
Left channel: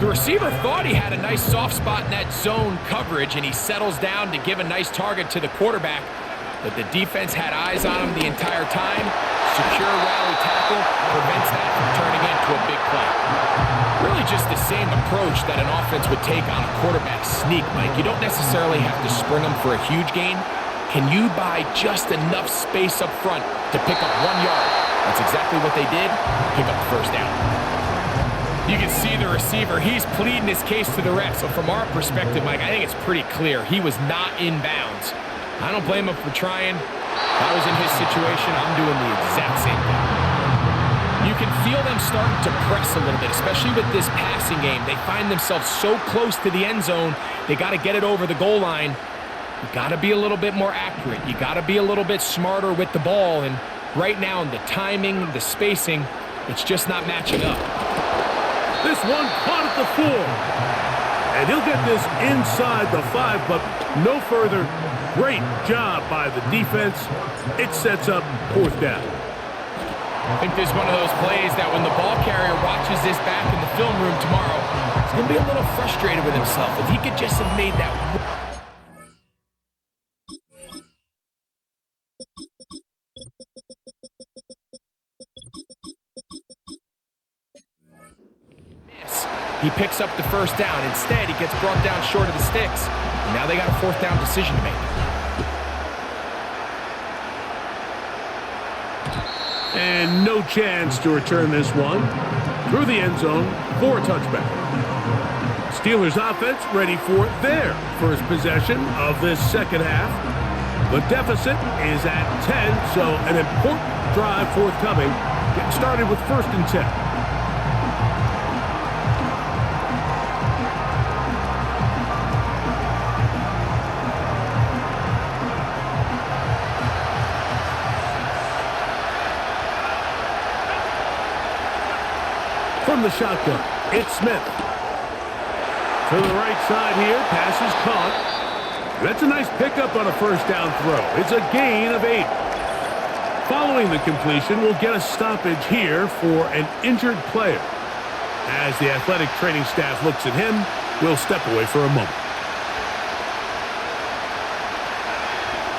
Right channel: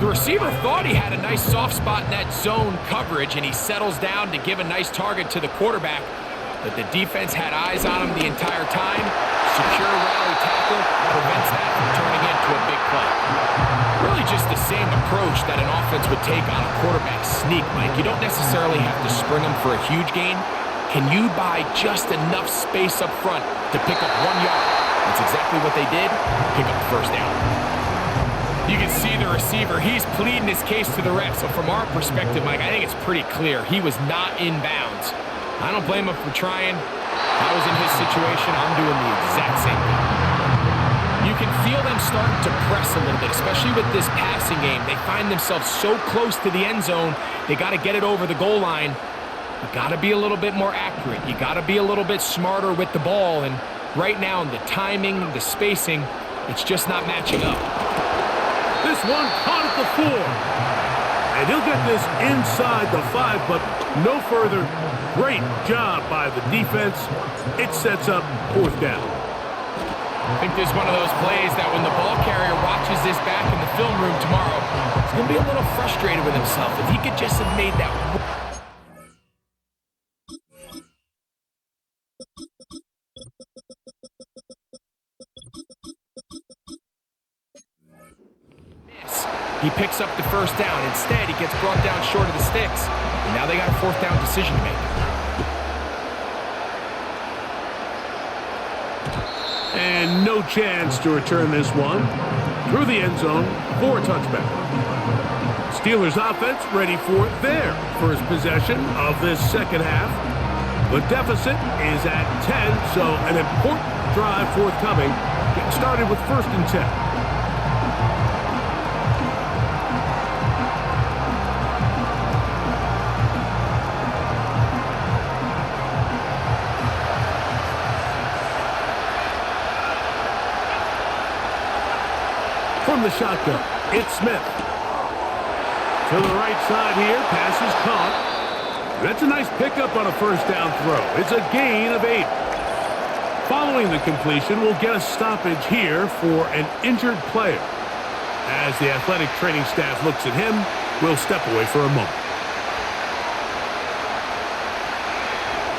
The receiver thought he had a nice soft spot in that zone coverage, and he settles down to give a nice target to the quarterback. But the defense had eyes on him the entire time. Secure rally tackle prevents that from turning into a big play. Really just the same approach that an offense would take on a quarterback sneak, Mike. You don't necessarily have to spring them for a huge gain. Can you buy just enough space up front to pick up 1 yard? That's exactly what they did. Pick up the 1st down. You can see the receiver. He's pleading his case to the refs. So from our perspective, Mike, I think it's pretty clear. He was not in bounds. I don't blame him for trying. If I was in his situation, I'm doing the exact same thing. You can feel them starting to press a little bit, especially with this passing game. They find themselves so close to the end zone, they got to get it over the goal line. You got to be a little bit more accurate. You got to be a little bit smarter with the ball. And right now, the timing, the spacing, it's just not matching up. This one caught at the 4. And he'll get this inside the 5, but no further. Great job by the defense. It sets up 4th down. I think this is one of those plays that when the ball carrier watches this back in the film room tomorrow, he's going to be a little frustrated with himself. If he could just have made that. He picks up the 1st down. Instead, he gets brought down short of the sticks. And now they got a 4th down decision to make. And no chance to return this one through the end zone for a touchback. Steelers offense ready for their first possession of this second half. The deficit is at 10, so an important drive forthcoming. Getting started with 1st and 10. From the shotgun, it's Smith. To the right side here, pass is caught. That's a nice pickup on a 1st down throw. It's a gain of 8. Following the completion, we'll get a stoppage here for an injured player. As the athletic training staff looks at him, we'll step away for a moment.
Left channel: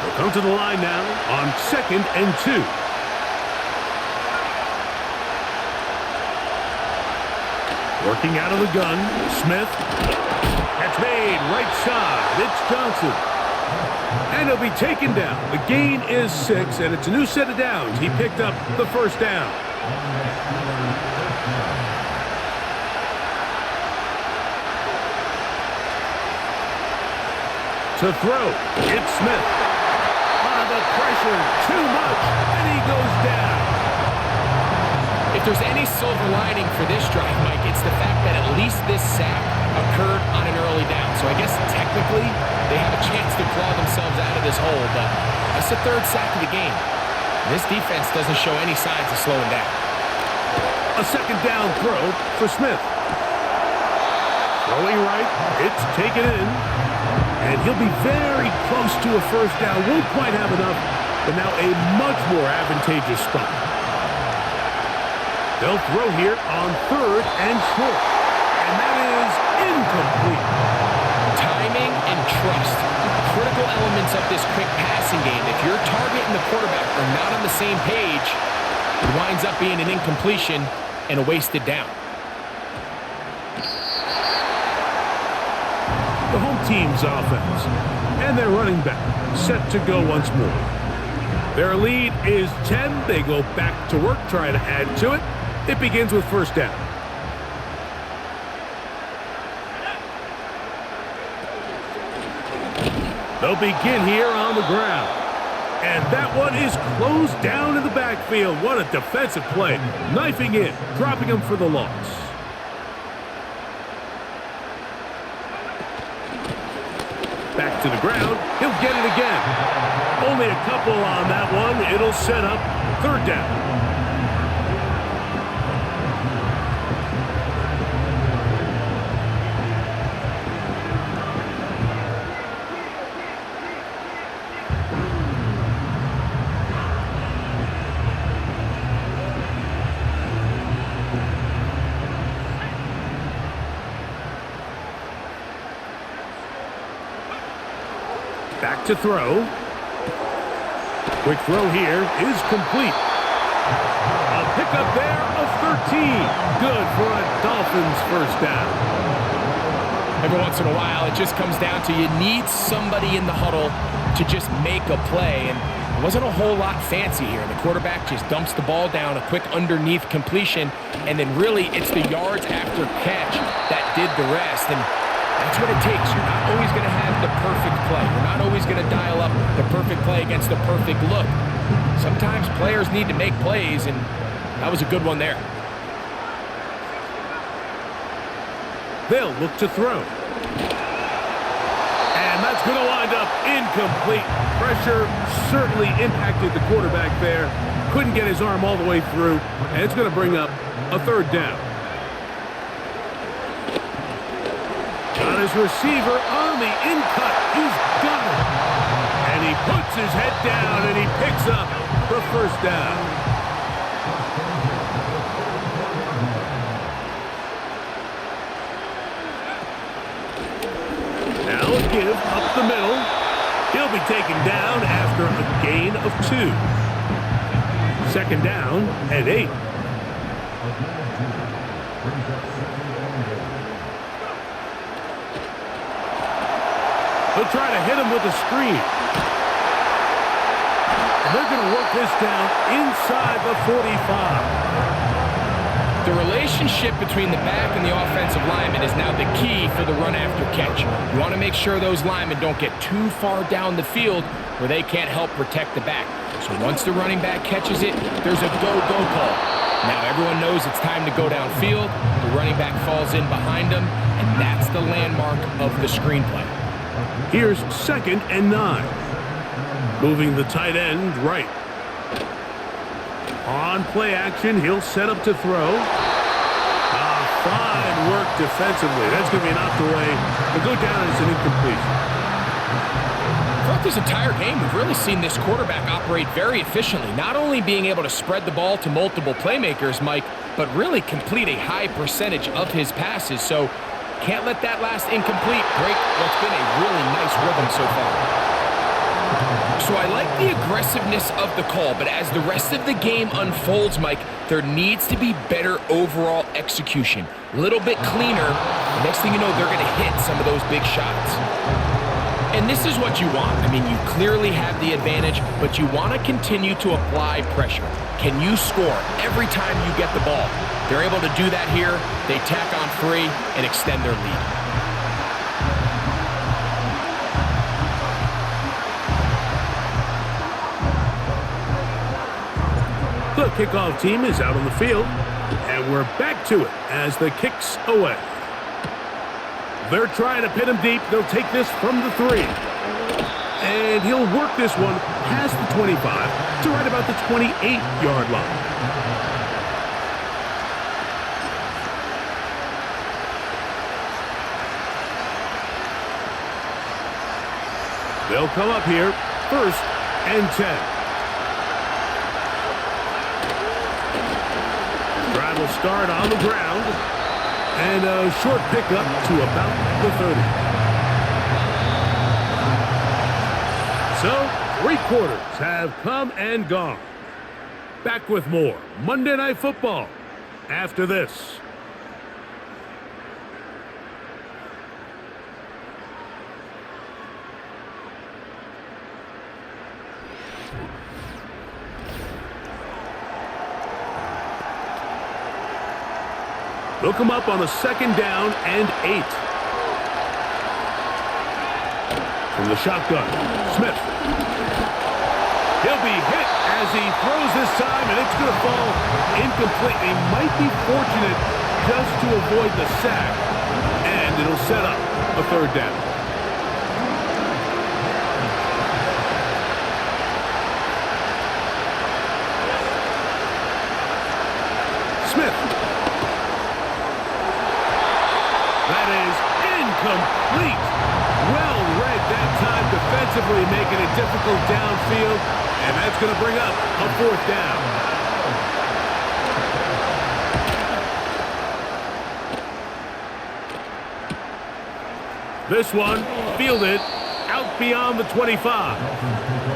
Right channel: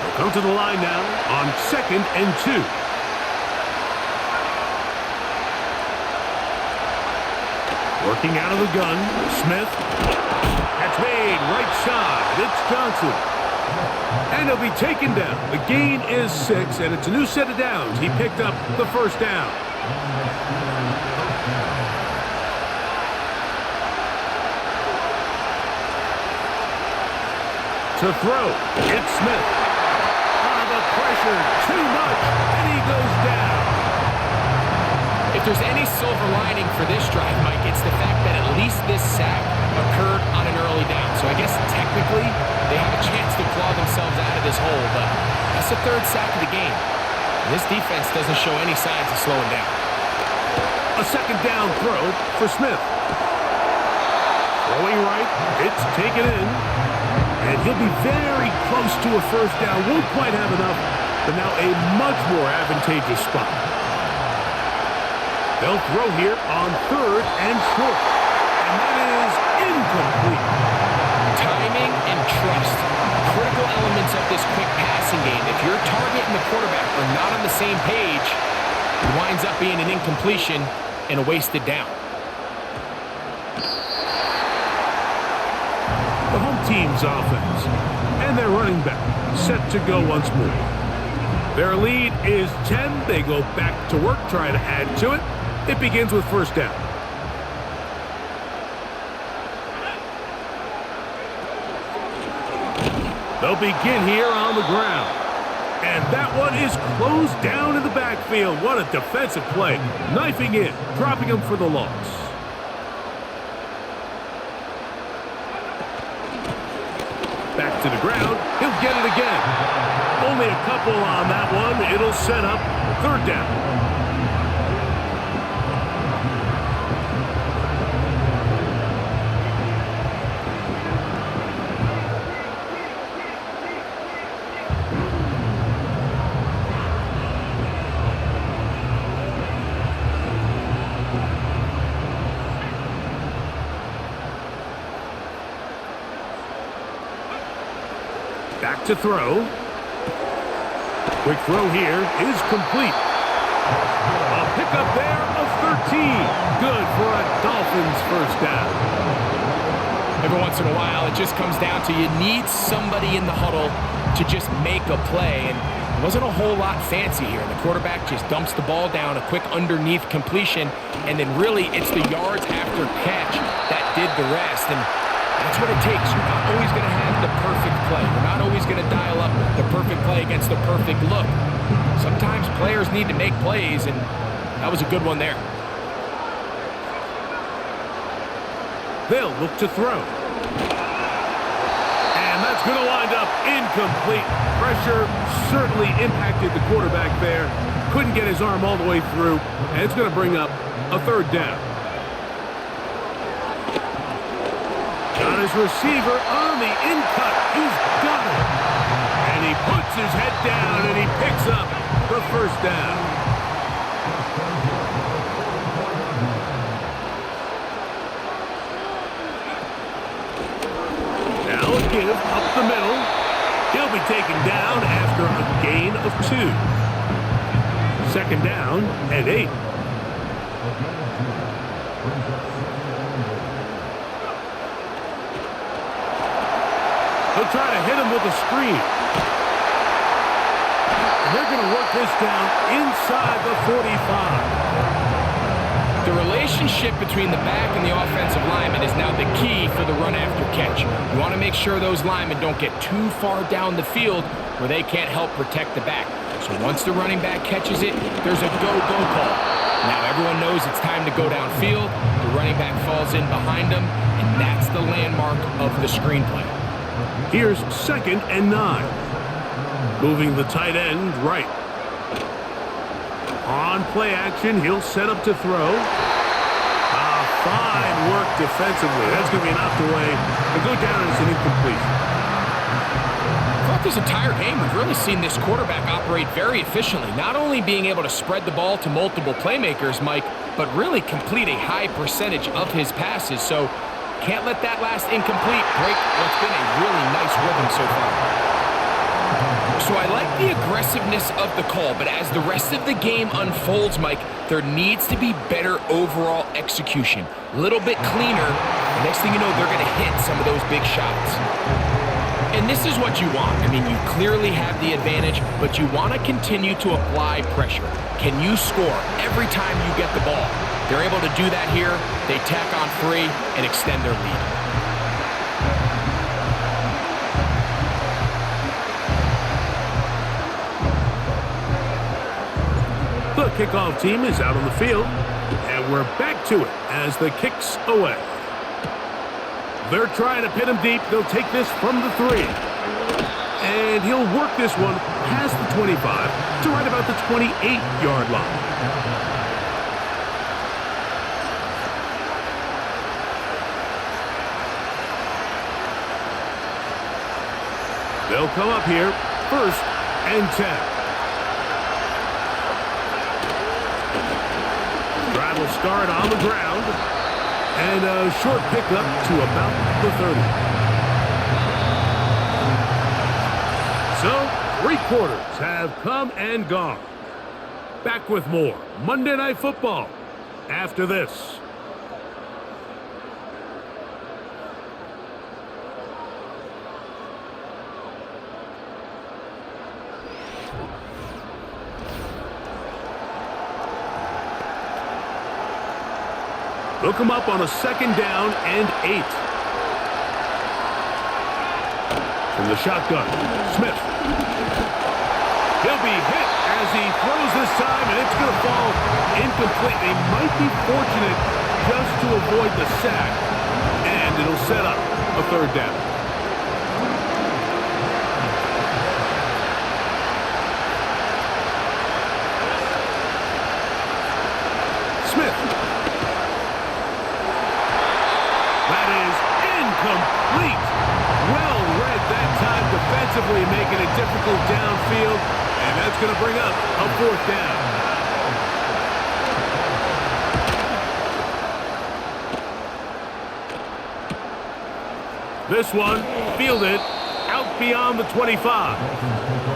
He'll come to the line now on 2nd and 2. Working out of the gun, Smith. Catch made, right side. It's Johnson. And he'll be taken down. The gain is 6, and it's a new set of downs. He picked up the first down. To throw, it's Smith. The pressure, too much, and he goes down. If there's any silver lining for this drive, Mike, it's the fact that at least this sack occurred on an early down. So I guess technically they have a chance to claw themselves out of this hole, but that's the 3rd sack of the game. And this defense doesn't show any signs of slowing down. A 2nd down throw for Smith. Throwing right, it's taken in. And he'll be very close to a first down. Won't quite have enough, but now a much more advantageous spot. They'll throw here on 3rd and short. And that is incomplete. Timing and trust. Critical elements of this quick passing game. If your target and the quarterback are not on the same page, it winds up being an incompletion and a wasted down. The home team's offense and their running back set to go once more. Their lead is 10. They go back to work, try to add to it. It begins with first down. They'll begin here on the ground. And that one is closed down in the backfield. What a defensive play. Knifing in, dropping him for the loss. Back to the ground. He'll get it again. Only a couple on that one. It'll set up 3rd down. Back to throw. Quick throw here is complete. A pickup there of 13. Good for a Dolphins first down. Every once in a while, it just comes down to you need somebody in the huddle to just make a play. And it wasn't a whole lot fancy here. The quarterback just dumps the ball down, a quick underneath completion, and then really it's the yards after catch that did the rest. And that's what it takes. You're not always going to have the perfect play. You're not always going to dial up the perfect play against the perfect look. Sometimes players need to make plays, and that was a good one there. They'll look to throw. And that's going to wind up incomplete. Pressure certainly impacted the quarterback there. Couldn't get his arm all the way through, and it's going to bring up a 3rd down. Got his receiver on the in-cut. He's got it. And he puts his head down, and he picks up the first down. Now a give up the middle. He'll be taken down after a gain of 2. 2nd down and 8. He'll try to hit him with a screen. And they're going to work this down inside the 45. The relationship between the back and the offensive lineman is now the key for the run after catch. You want to make sure those linemen don't get too far down the field where they can't help protect the back. So once the running back catches it, there's a go-go call. Now everyone knows it's time to go downfield. The running back falls in behind him, and that's the landmark of the screenplay. Here's 2nd and 9. Moving the tight end right. On play action, he'll set up to throw. Fine work defensively. That's going to be knocked away and go down as an incompletion. Throughout this entire game, we've really seen this quarterback operate very efficiently, not only being able to spread the ball to multiple playmakers, Mike, but really complete a high percentage of his passes. So can't let that last incomplete break what's been a really nice rhythm so far. So I like the aggressiveness of the call, but as the rest of the game unfolds, Mike, there needs to be better overall execution. A little bit cleaner, and next thing you know, they're going to hit some of those big shots. And this is what you want. I mean, you clearly have the advantage, but you want to continue to apply pressure. Can you score every time you get the ball? They're able to do that here. They tack on 3 and extend their lead. The kickoff team is out on the field, and we're back to it as the kick's away. They're trying to pin him deep. They'll take this from the 3. And he'll work this one past the 25 to right about the 28-yard line. They'll come up here, 1st and 10. Drive will start on the ground, and a short pickup to about the 30. So, 3 quarters have come and gone. Back with more Monday Night Football after this. They'll come up on a 2nd down and 8. From the shotgun, Smith. He'll be hit as he throws this time, and it's going to fall incomplete. He might be fortunate just to avoid the sack, and it'll set up a 3rd down. Smith. That is incomplete. Well read that time defensively, making it difficult downfield, and that's going to bring up a 4th down. This one fielded out beyond the 25.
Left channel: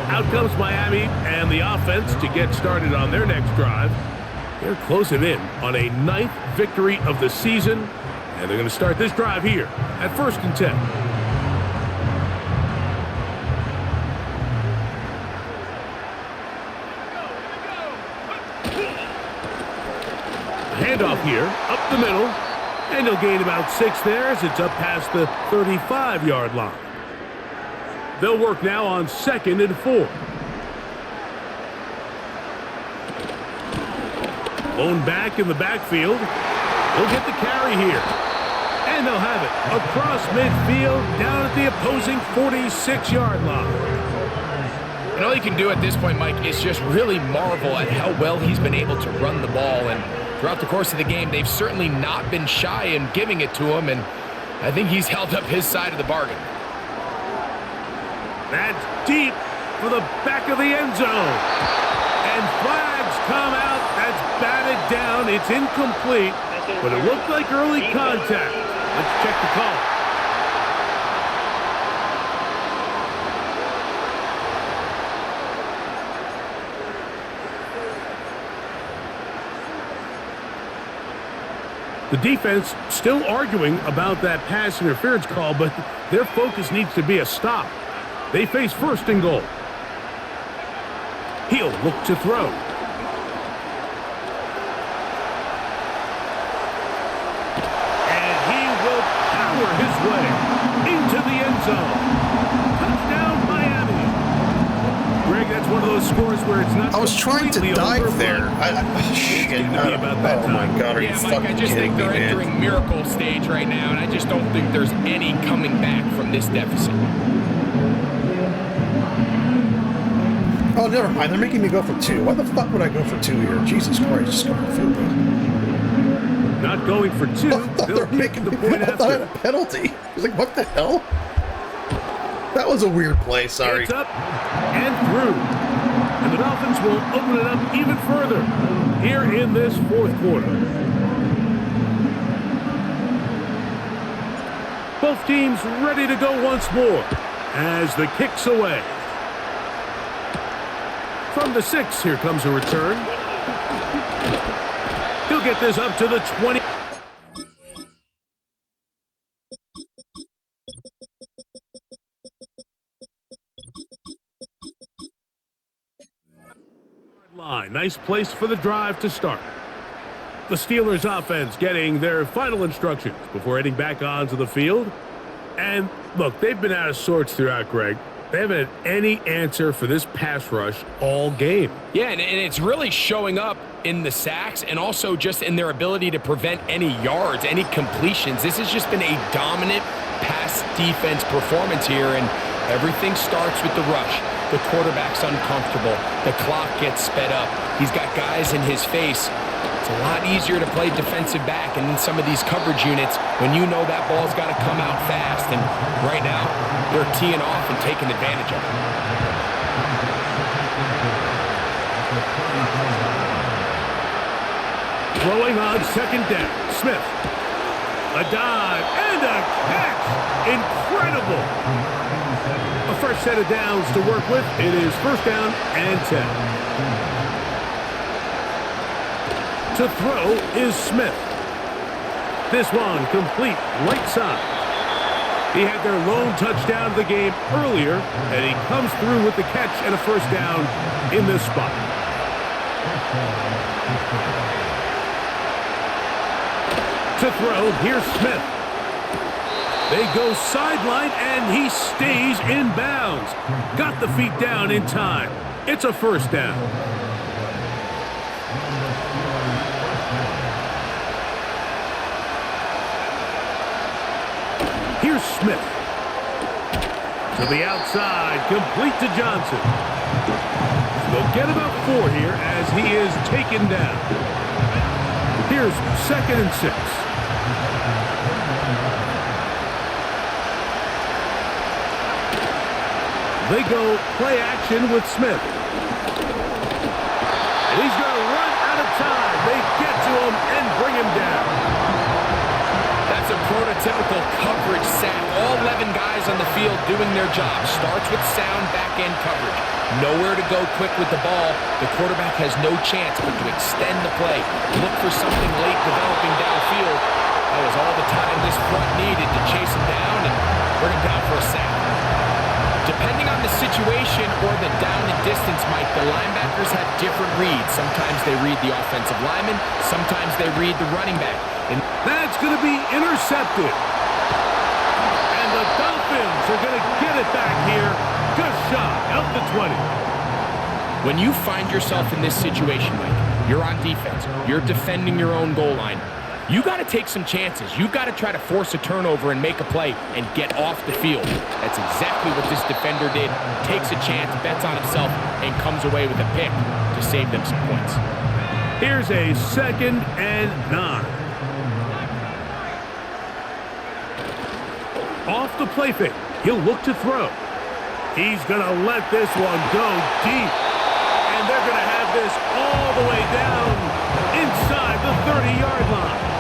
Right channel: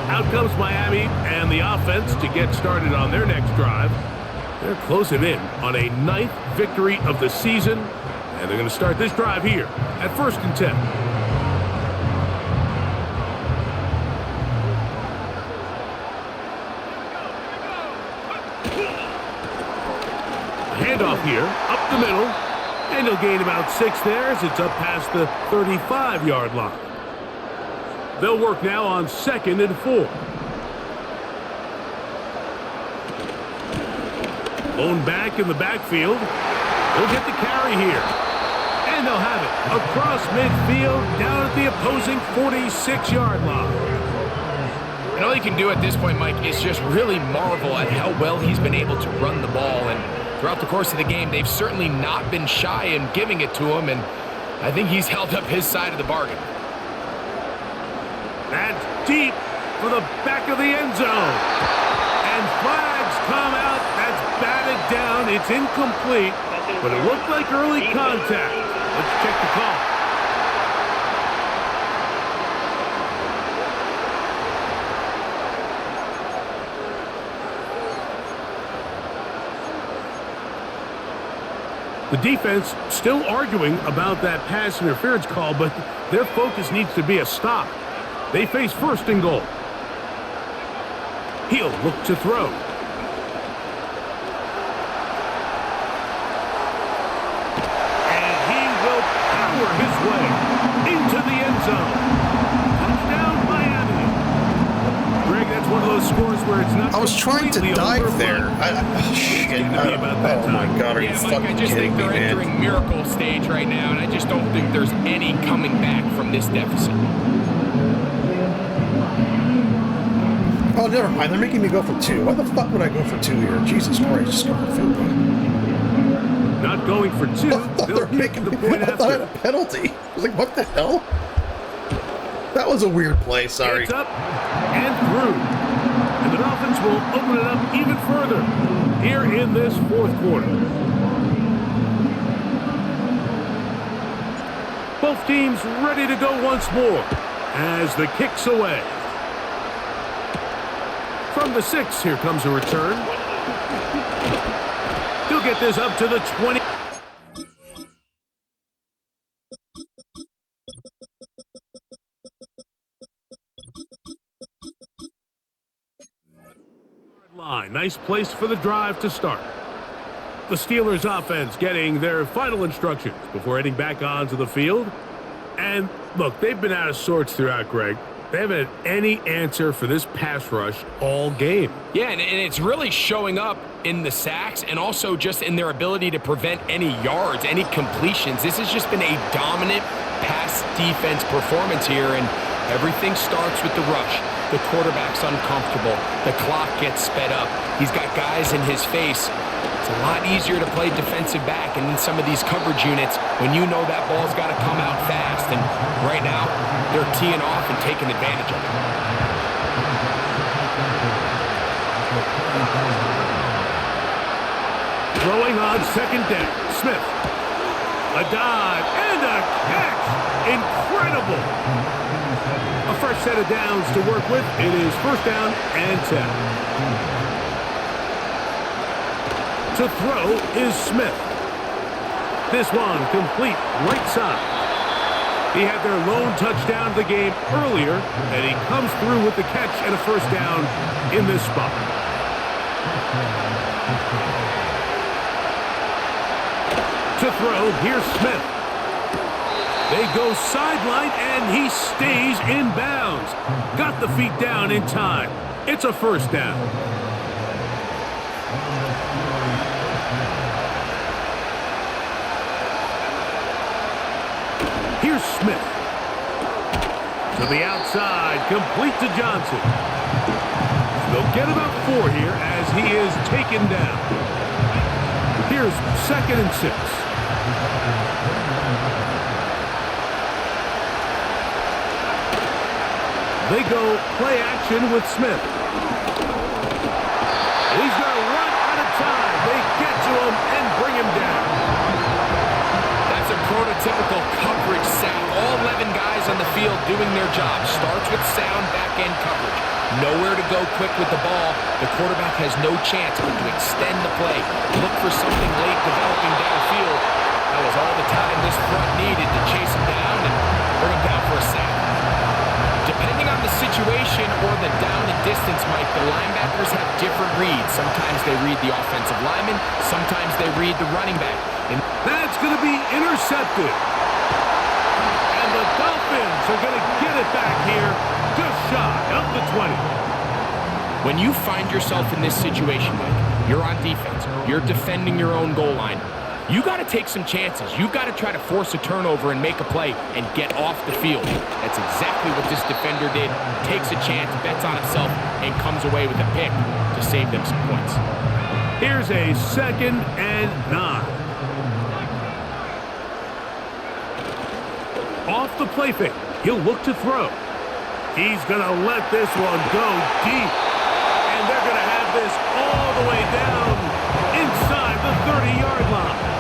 Out comes Miami and the offense to get started on their next drive. They're closing in on a 9th victory of the season. And they're going to start this drive here at 1st and 10. A handoff here, up the middle, and he'll gain about 6 there as it's up past the 35-yard line. They'll work now on 2nd and 4. Lone back in the backfield. He'll get the carry here. And they'll have it across midfield down at the opposing 46-yard line. And all you can do at this point, Mike, is just really marvel at how well he's been able to run the ball. And throughout the course of the game, they've certainly not been shy in giving it to him. And I think he's held up his side of the bargain. That's deep for the back of the end zone. And flags come out. That's batted down. It's incomplete. But it looked like early contact. Let's check the call. The defense still arguing about that pass interference call, but their focus needs to be a stop. They face 1st and goal. He'll look to throw. And he will power his way into the end zone. Touchdown, Miami. Greg, that's one of those scores where it's not. I was trying to dive there. Oh my God, are you Mike, fucking I just kidding think me, they're man? entering miracle stage right now, and I just don't think there's any coming back from this deficit. Oh, never mind. They're making me go for 2. Why the fuck would I go for 2 here? Jesus Christ, just go for the field goal. Not going for 2. They're making the me. point I thought I had after. a penalty. I was like, what the hell? That was a weird play, sorry. It's up and through. And the Dolphins will open it up even further here in this fourth quarter. Both teams ready to go once more as the kick's away. From the 6, here comes a return. He'll get this up to the 20. Line. Nice place for the drive to start. The Steelers offense getting their final instructions before heading back onto the field. And look, they've been out of sorts throughout, Greg. They haven't had any answer for this pass rush all game. Yeah, and it's really showing up in the sacks and also just in their ability to prevent any yards, any completions. This has just been a dominant pass defense performance here, and everything starts with the rush. The quarterback's uncomfortable. The clock gets sped up. He's got guys in his face. It's a lot easier to play defensive back and in some of these coverage units when you know that ball's got to come out fast. And right now, they're teeing off and taking advantage of it. Throwing on second down. Smith. A dive and a catch. Incredible. A fresh set of downs to work with. It is first down and 10. To throw is Smith. This one complete right side. He had their lone touchdown of the game earlier, and he comes through with the catch and a first down in this spot. To throw, here's Smith. They go sideline, and he stays in bounds. Got the feet down in time. It's a first down. Here's Smith. To the outside, complete to Johnson. They'll get about 4 here as he is taken down. Here's second and 6. They go play action with Smith. And he's going to run out of time. They get to him and bring him down. That's a prototypical coverage sack. All 11 guys on the field doing their job. Starts with sound back-end coverage. Nowhere to go quick with the ball. The quarterback has no chance but to extend the play. Look for something late developing downfield. That was all the time this front needed to chase him down and bring him down for a sack. Depending on the situation or the down and distance, Mike, the linebackers have different reads. Sometimes they read the offensive lineman. Sometimes they read the running back. And that's going to be intercepted. And the Dolphins are going to get it back here just shy of the 20. When you find yourself in this situation, Mike, you're on defense. You're defending your own goal line. You got to take some chances. You got to try to force a turnover and make a play and get off the field. That's exactly what this defender did. Takes a chance, bets on himself, and comes away with a pick to save them some points. Here's a second and 9. Off the play fake, he'll look to throw. He's going to let this one go deep. And they're going to have this all the way down inside the 30-yard line.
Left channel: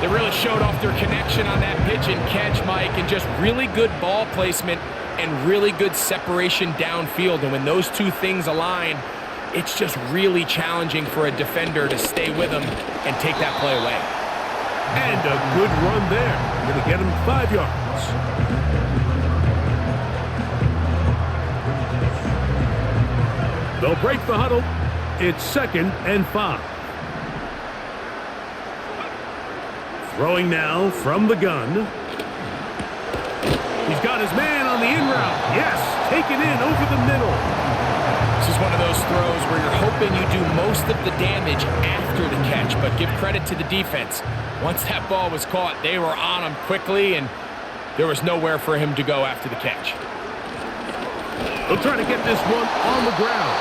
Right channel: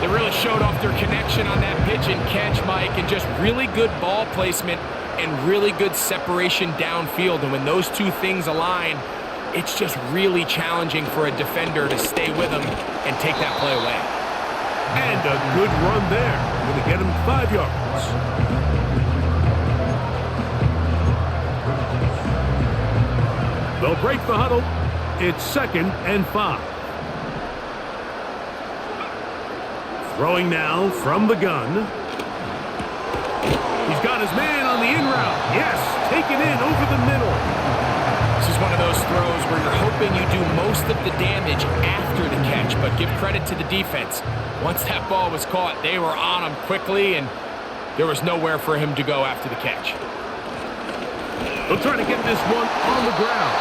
They really showed off their connection on that pitch and catch, Mike, and just really good ball placement and really good separation downfield. And when those two things align, it's just really challenging for a defender to stay with them and take that play away. And a good run there. Going to get him 5 yards. They'll break the huddle. It's second and 5. Throwing now from the gun. He's got his man on the in route. Yes, taken in over the middle. This is one of those throws where you're hoping you do most of the damage after the catch, but give credit to the defense. Once that ball was caught, they were on him quickly, and there was nowhere for him to go after the catch. They'll try to get this one on the ground.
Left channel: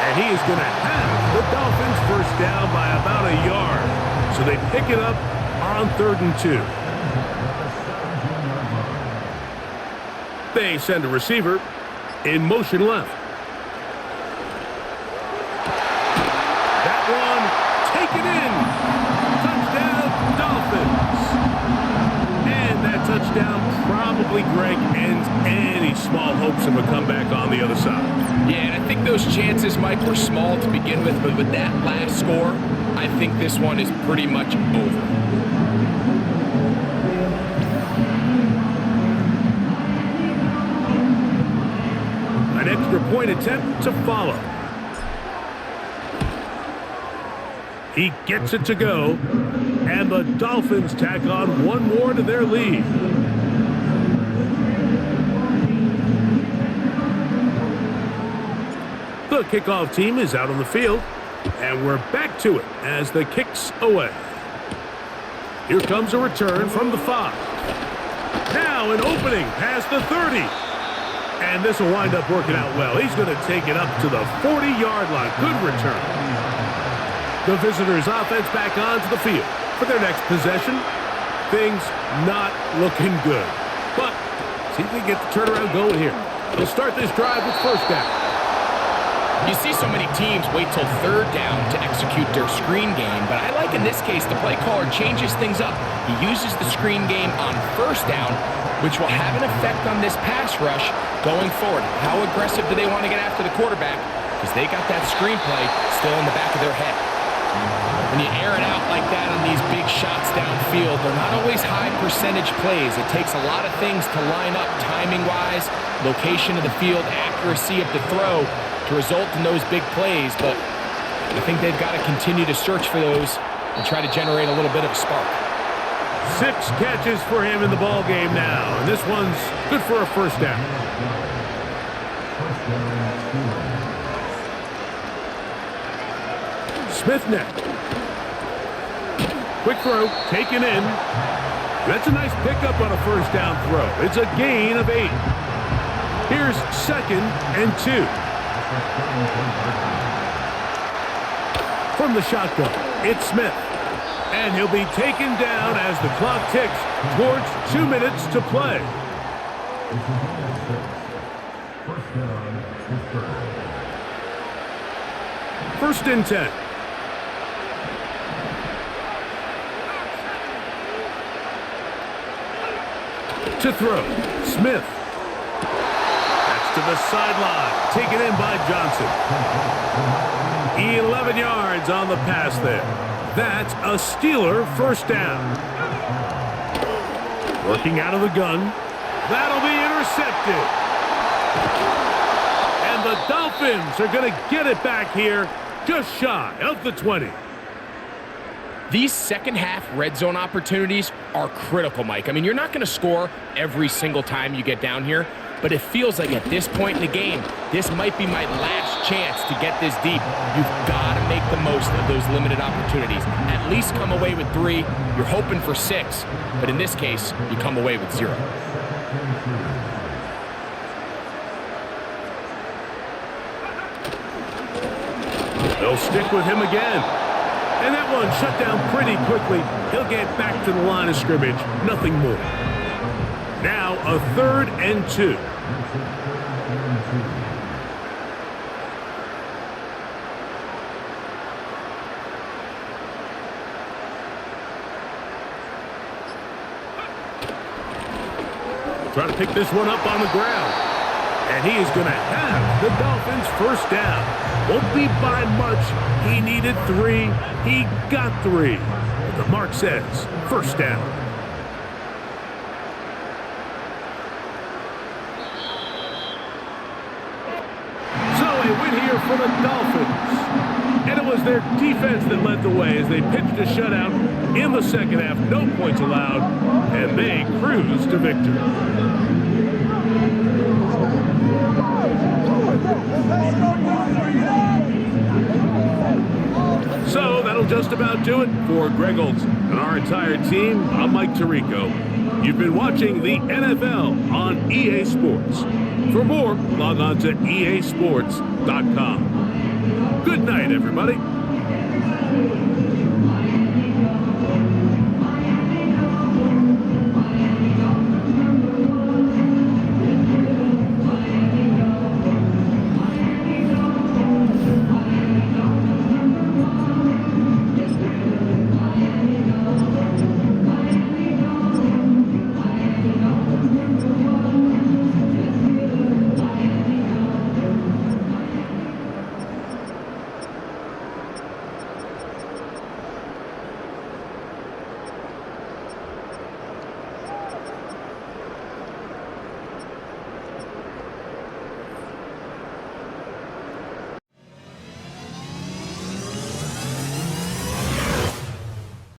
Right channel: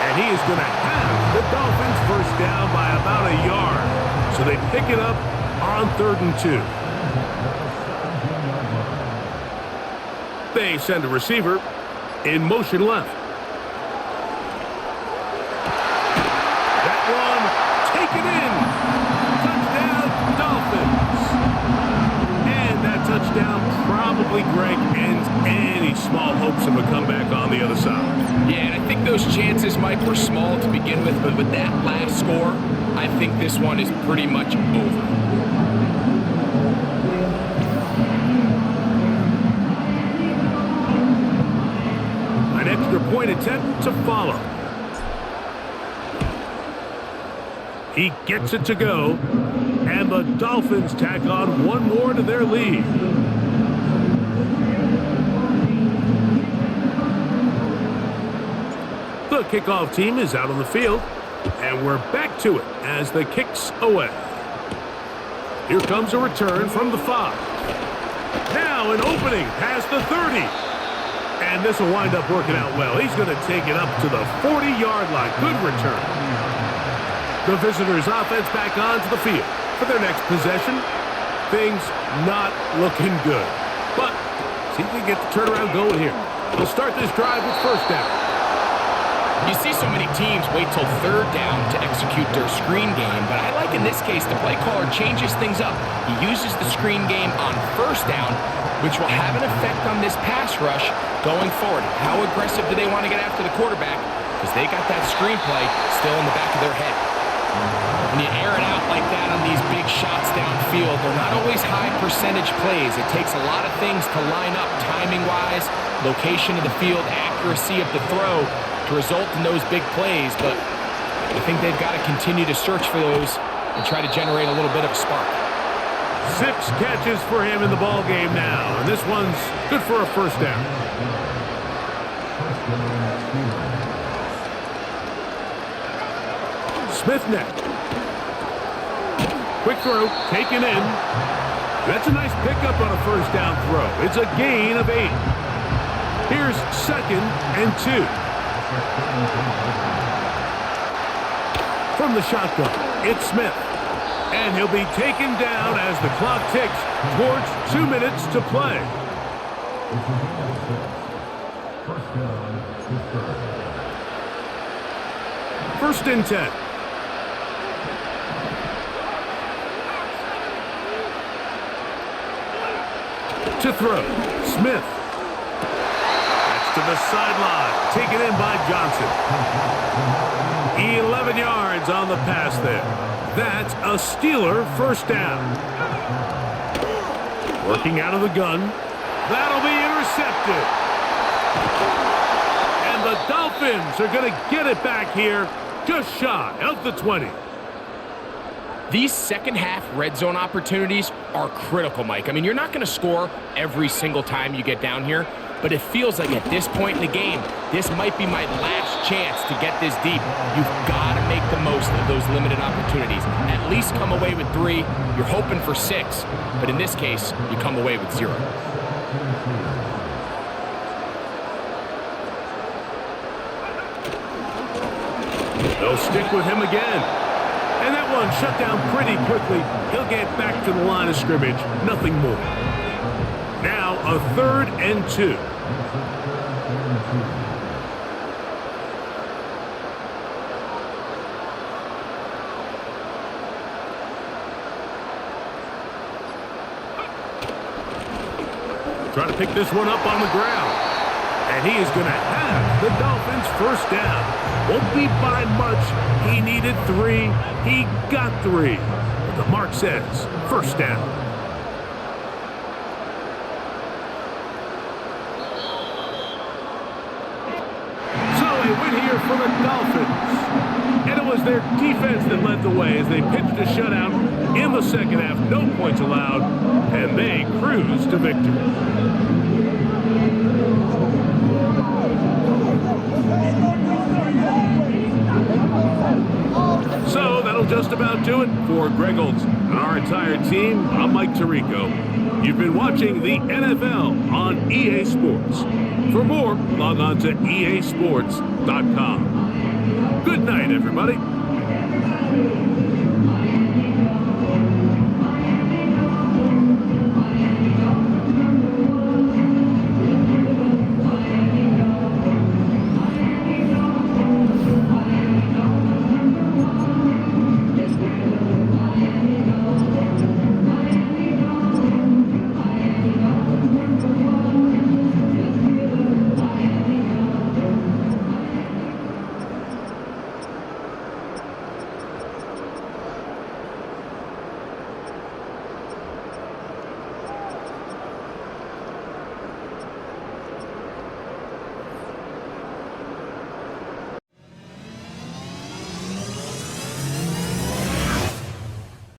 And he is going to have the Dolphins first down by about a yard. So they pick it up on 3rd and 2. They send a receiver in motion left. That one taken in. Touchdown, Dolphins. And that touchdown probably, Greg, ends any small hopes of a comeback on the other side. Yeah, and I think those chances, Mike, were small to begin with, but with that last score, I think this one is pretty much over. An extra point attempt to follow. He gets it to go, and the Dolphins tack on one more to their lead. The kickoff team is out on the field, and we're back to it as the kick's away. Here comes a return from the 5. Now an opening past the 30. And this will wind up working out well. He's going to take it up to the 40-yard line. Good return. The visitors' offense back onto the field for their next possession. Things not looking good. But see if they get the turnaround going here. They'll start this drive with first down. You see so many teams wait till third down to execute their screen game, but I like in this case the play caller changes things up. He uses the screen game on first down, which will have an effect on this pass rush going forward. How aggressive do they want to get after the quarterback? Because they got that screen play still in the back of their head. When you air it out like that on these big shots downfield, they're not always high percentage plays. It takes a lot of things to line up timing-wise, location of the field, accuracy of the throw to result in those big plays, but I think they've got to continue to search for those and try to generate a little bit of a spark. 6 catches for him in the ball game now, and this one's good for a first down. Smith next. Quick throw, taken in. That's a nice pickup on a first down throw. It's a gain of 8. Here's 2nd and 2. From the shotgun, it's Smith. And he'll be taken down as the clock ticks towards 2 minutes to play. First down, Pittsburgh. 1st and 10. To throw, Smith. That's to the sideline, taken in by Johnson. 11 yards on the pass there. That's a Steeler first down. Working out of the gun. That'll be intercepted. And the Dolphins are going to get it back here just shy of the 20. These second-half red zone opportunities are critical, Mike. I mean, you're not going to score every single time you get down here, but it feels like at this point in the game, this might be my last chance to get this deep. You've got to make the most of those limited opportunities. At least come away with 3. You're hoping for 6, but in this case, you come away with 0. They'll stick with him again. And that one shut down pretty quickly. He'll get back to the line of scrimmage. Nothing more. Now a 3rd and 2. Try to pick this one up on the ground. And he is going to have the Dolphins first down. Won't be by much. He needed 3. He got 3. But the mark says first down. So a win here for the Dolphins. And it was their defense that led the way as they pitched a shutout in the second half. No points allowed. And they cruised to victory. So that'll just about do it for Greg Olson and our entire team. I'm Mike Tirico. You've been watching the NFL on EA Sports. For more, log on to easports.com. Good night, everybody.